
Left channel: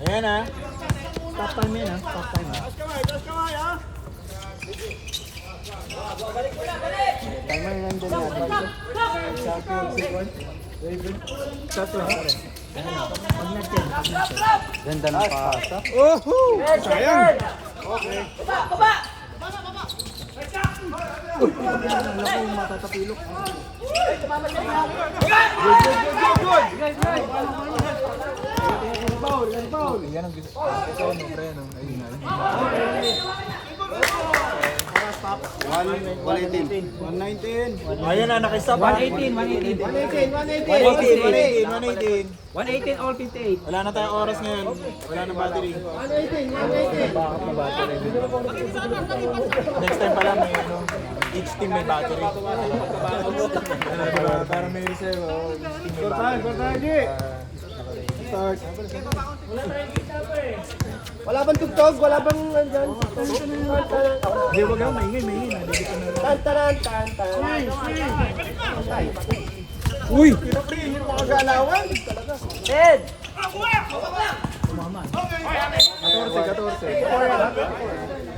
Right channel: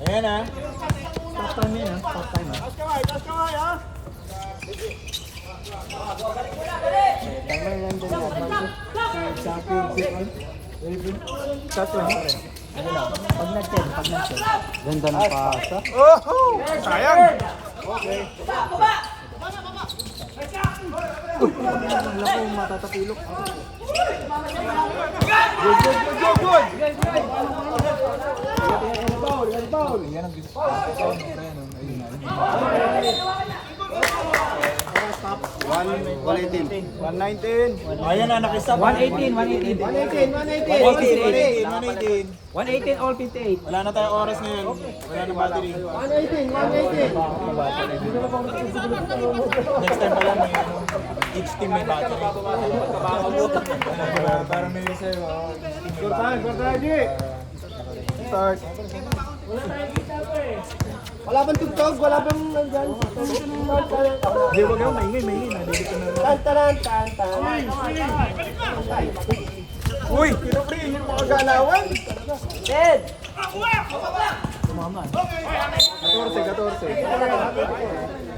Ayan ah. Stop time yan ha. Stop time ha. Timer lang din natin. Shot lang pare. Ano lang. Pag nag-10. Ganda ng pasa. Sayang. Alam ko matatapilok. Good. Yan ang gusto. Stop. 119. Ayan na, nakistop. 118. 118 all 58. Wala na tayong oras ngayon. Wala na battery. 118. Next time pala may each team may battery. Parang may reserve. Kortahan, G! Start. Wala bang tugtog? Wala bang nandyan? Hindi, wag ako. Maingay. Nadili ka na lang. Uy! Pero pre, yung mga galawan. 10.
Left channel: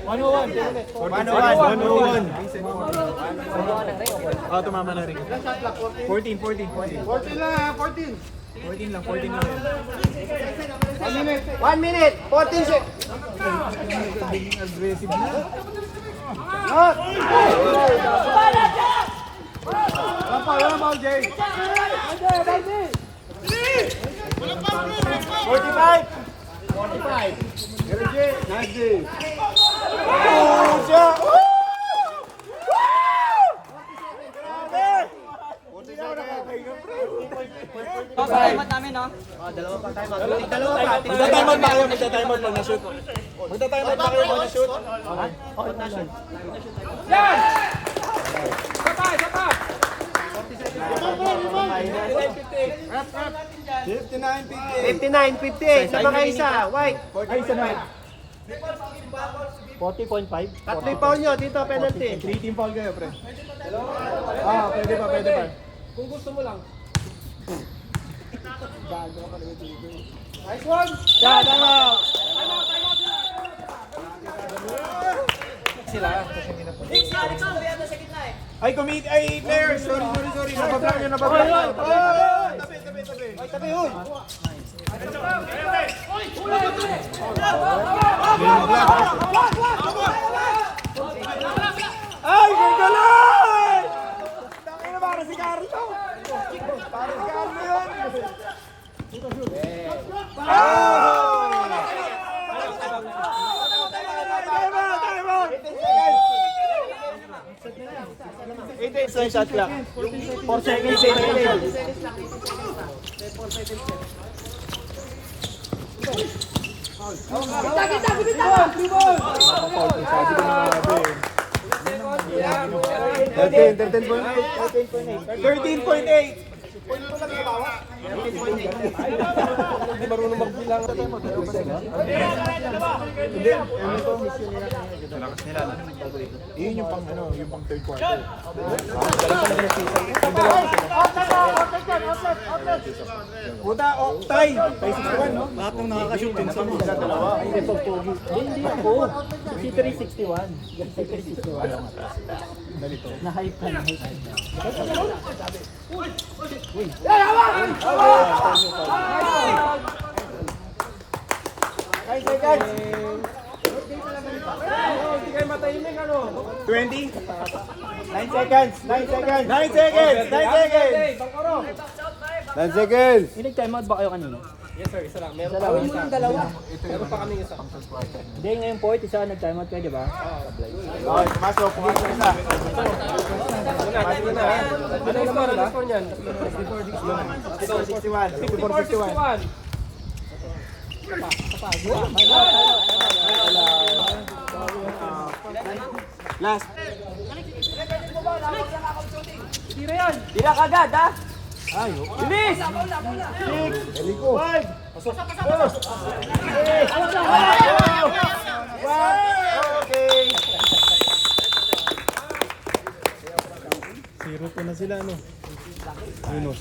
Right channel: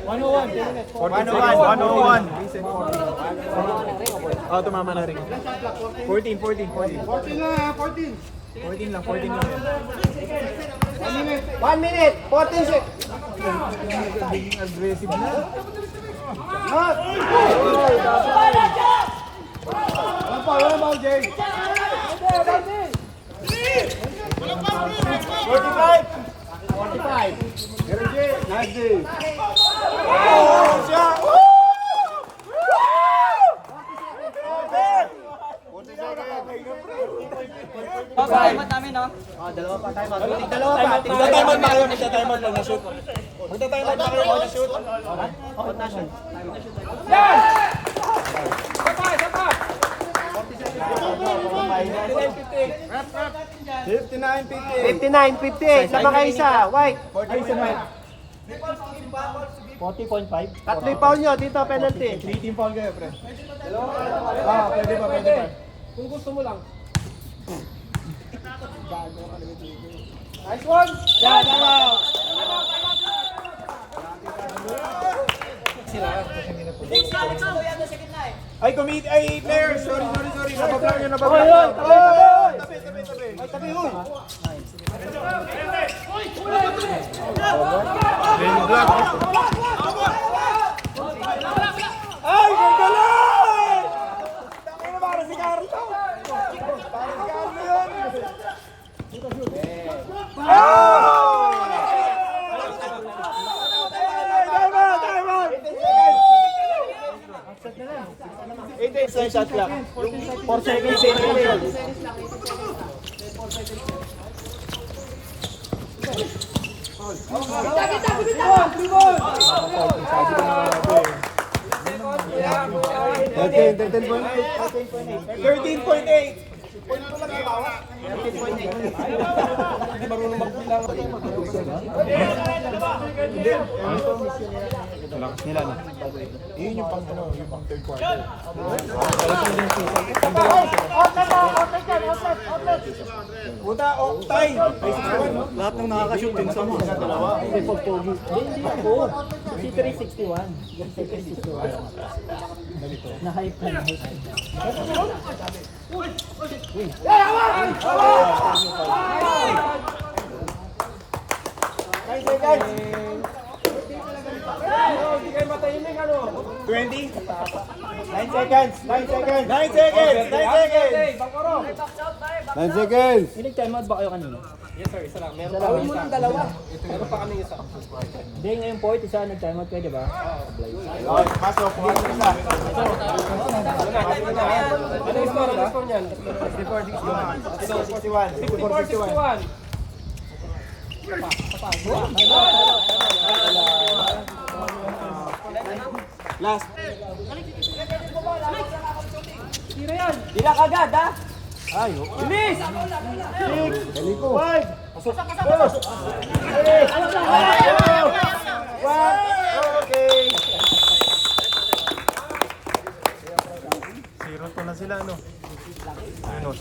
101. Oh, tumama na rin. 14 lang yan. 1 minute, 14 seconds. Aggressive na. Wala pa, Jay. 45. 45. Pero Jay, nice Jay. Oh, siya. Salamat namin, no? Dalawa pa. Magta-timeout na kayo, magta-timeout lang na shoot. Magta-timeout na kayo, na shoot. Out na shoot. Yan! Isa pa! 59-58. Na ba kayo isa? White. Ay, isa na. 40.5. Tatlo yung foul nyo. Dito, penalty. 3 team foul kayo, pre. Pwede pa, pwede pa. Kung gusto mo lang. Nice one. Yan, timeout. Ay, players. Sorry. Nabablang nyo, nabablang nyo. Tabi. Ay, gagalan! Tangin na para si Carlo. Para si Carlo yun. Time out! 8 seconds shot clock. 4 seconds, 8 seconds. Sabi ko na nga ba eh. 13.8. Yun yung pang third quarter. Puta, tie. Lahat ng nakakashoot din sa mga dalawa. Hindi ako. Si 361. Si 361. Na-hype ka, na-hype ka. Hindi kayo matahimik, ano? 20? 9 seconds! 9 seconds! 9 seconds! 9 seconds! 9 seconds! Nag-timeout ba kayo kanina? Yes sir, isa lang. Meron Isa lang. pa kami dalawa. Meron pa kami isa. Hindi, ngayon po, isa nag-timeout kayo, di ba? Pasok, pumasok isa. Ano yung score niyan? 61. 54-61. Last. Tira yan! Dila kagad, ha? Bilis! 5. 4. 1. Okay. 0 na sila, no? Minus.